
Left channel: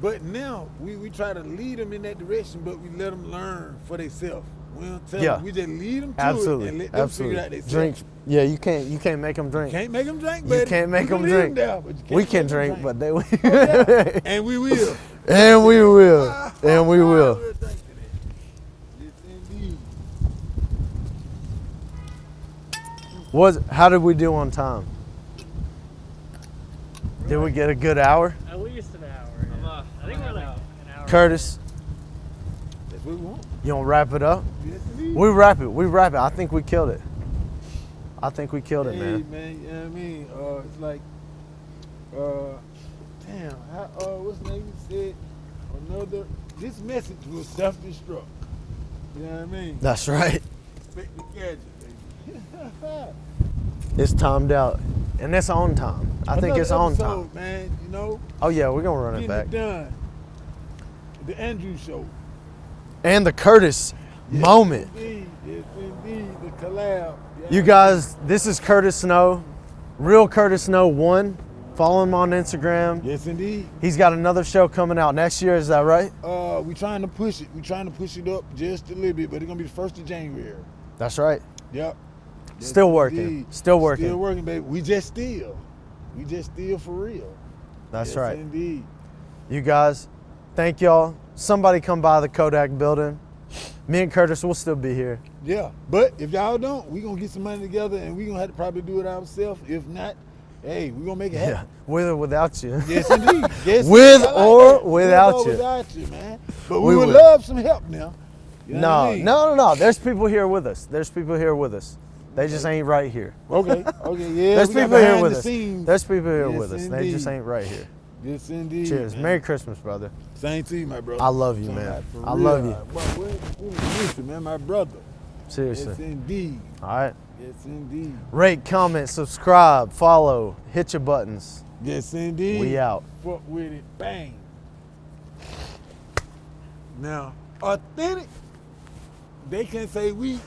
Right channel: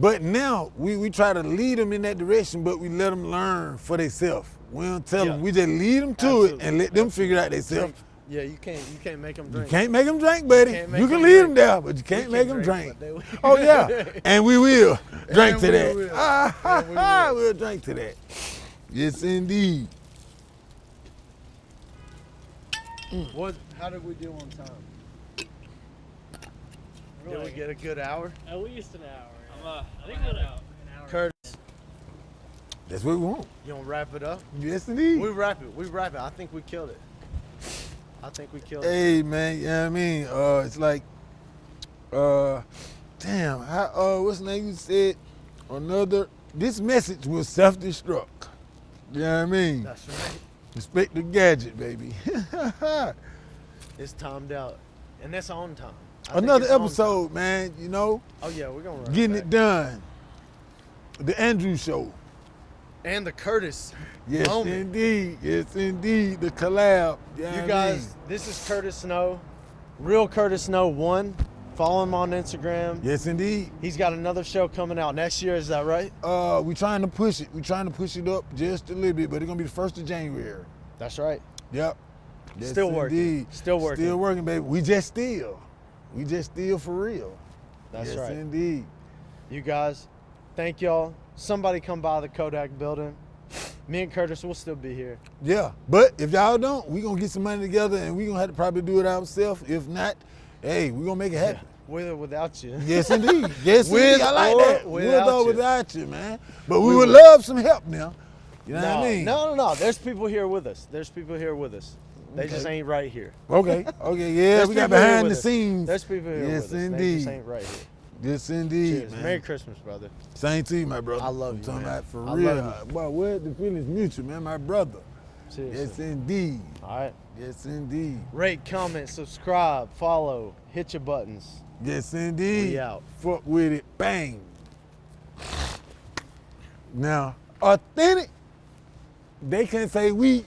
But now we try to lead them in that direction, but we let them learn for themselves. We don't tell Yeah. them. We just lead them to Absolutely. it and let them Absolutely. figure it out themselves. Drink. Yeah, you can't make them drink. Can't make them drink, buddy. can't make you can them lead drink. them there, but you can't We can make them drink, but they will. Oh yeah, and we will. And Drink to we that. will. And we will. We'll drink to that. Yes, indeed. How did we do on time? Did we get a good hour? At least an hour. Yeah. I think we're like an hour. Curtis, That's what we want. you want to wrap it up? Yes, indeed. We wrap it. I think we killed it. Hey Man. man, you know what I mean? It's like, damn, what's the name you said? This message will self-destruct. You know what I mean? That's right. Respect the gadget, baby. It's timed out. And that's on time. I think Another it's on time. episode, man, you know, Oh yeah, we're gonna run getting it back. it done. The Andrew Show. And the Curtis Yes, moment. Indeed, yes, indeed, the collab. You guys, this is Curtis Snow, Real Curtis Snow 1. Follow him on Instagram. Yes, indeed. He's got another show coming out next year, is that right? We're trying to push it. We're trying to push it up just a little bit, but it's gonna be the 1st of January. That's right. Yep. Yes, Still working. indeed. Still working. Still working, baby. We just still for real. That's Yes, right. indeed. You guys, thank y'all. Somebody come by the KODAK building. Me and Curtis will still be here. Yeah, but if y'all don't, we gonna get some money together and we gonna have to probably do it ourselves. If not, hey, we gonna make it happen. With or without you. Yes, indeed. Yes, With indeed. I like or that. without With or you. without you, man. But We we would will. love some help now. You know what I mean? No. There's people here with us. They just ain't right here. Okay, yeah. There's we got people here behind with the us. scenes. There's people here Yes, with us. They indeed. just ain't right here. Yes, indeed. Cheers. man. Merry Christmas, brother. Same to you, my brother. I love you, Talking man. about for I real. love you. Boy, what the feeling miss you, man, my brother. Seriously. Yes, indeed. All right. Yes, indeed. Rate, comment, subscribe, follow, hit your buttons. Yes, indeed. We out. Fuck with it. Bang. Now, authentic, they can't say we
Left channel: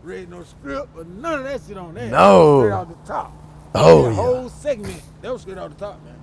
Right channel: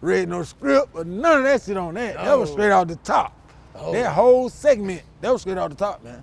read no script or none of that shit on that. No. That was straight off the top. Oh, That whole segment, that was straight off the top, man.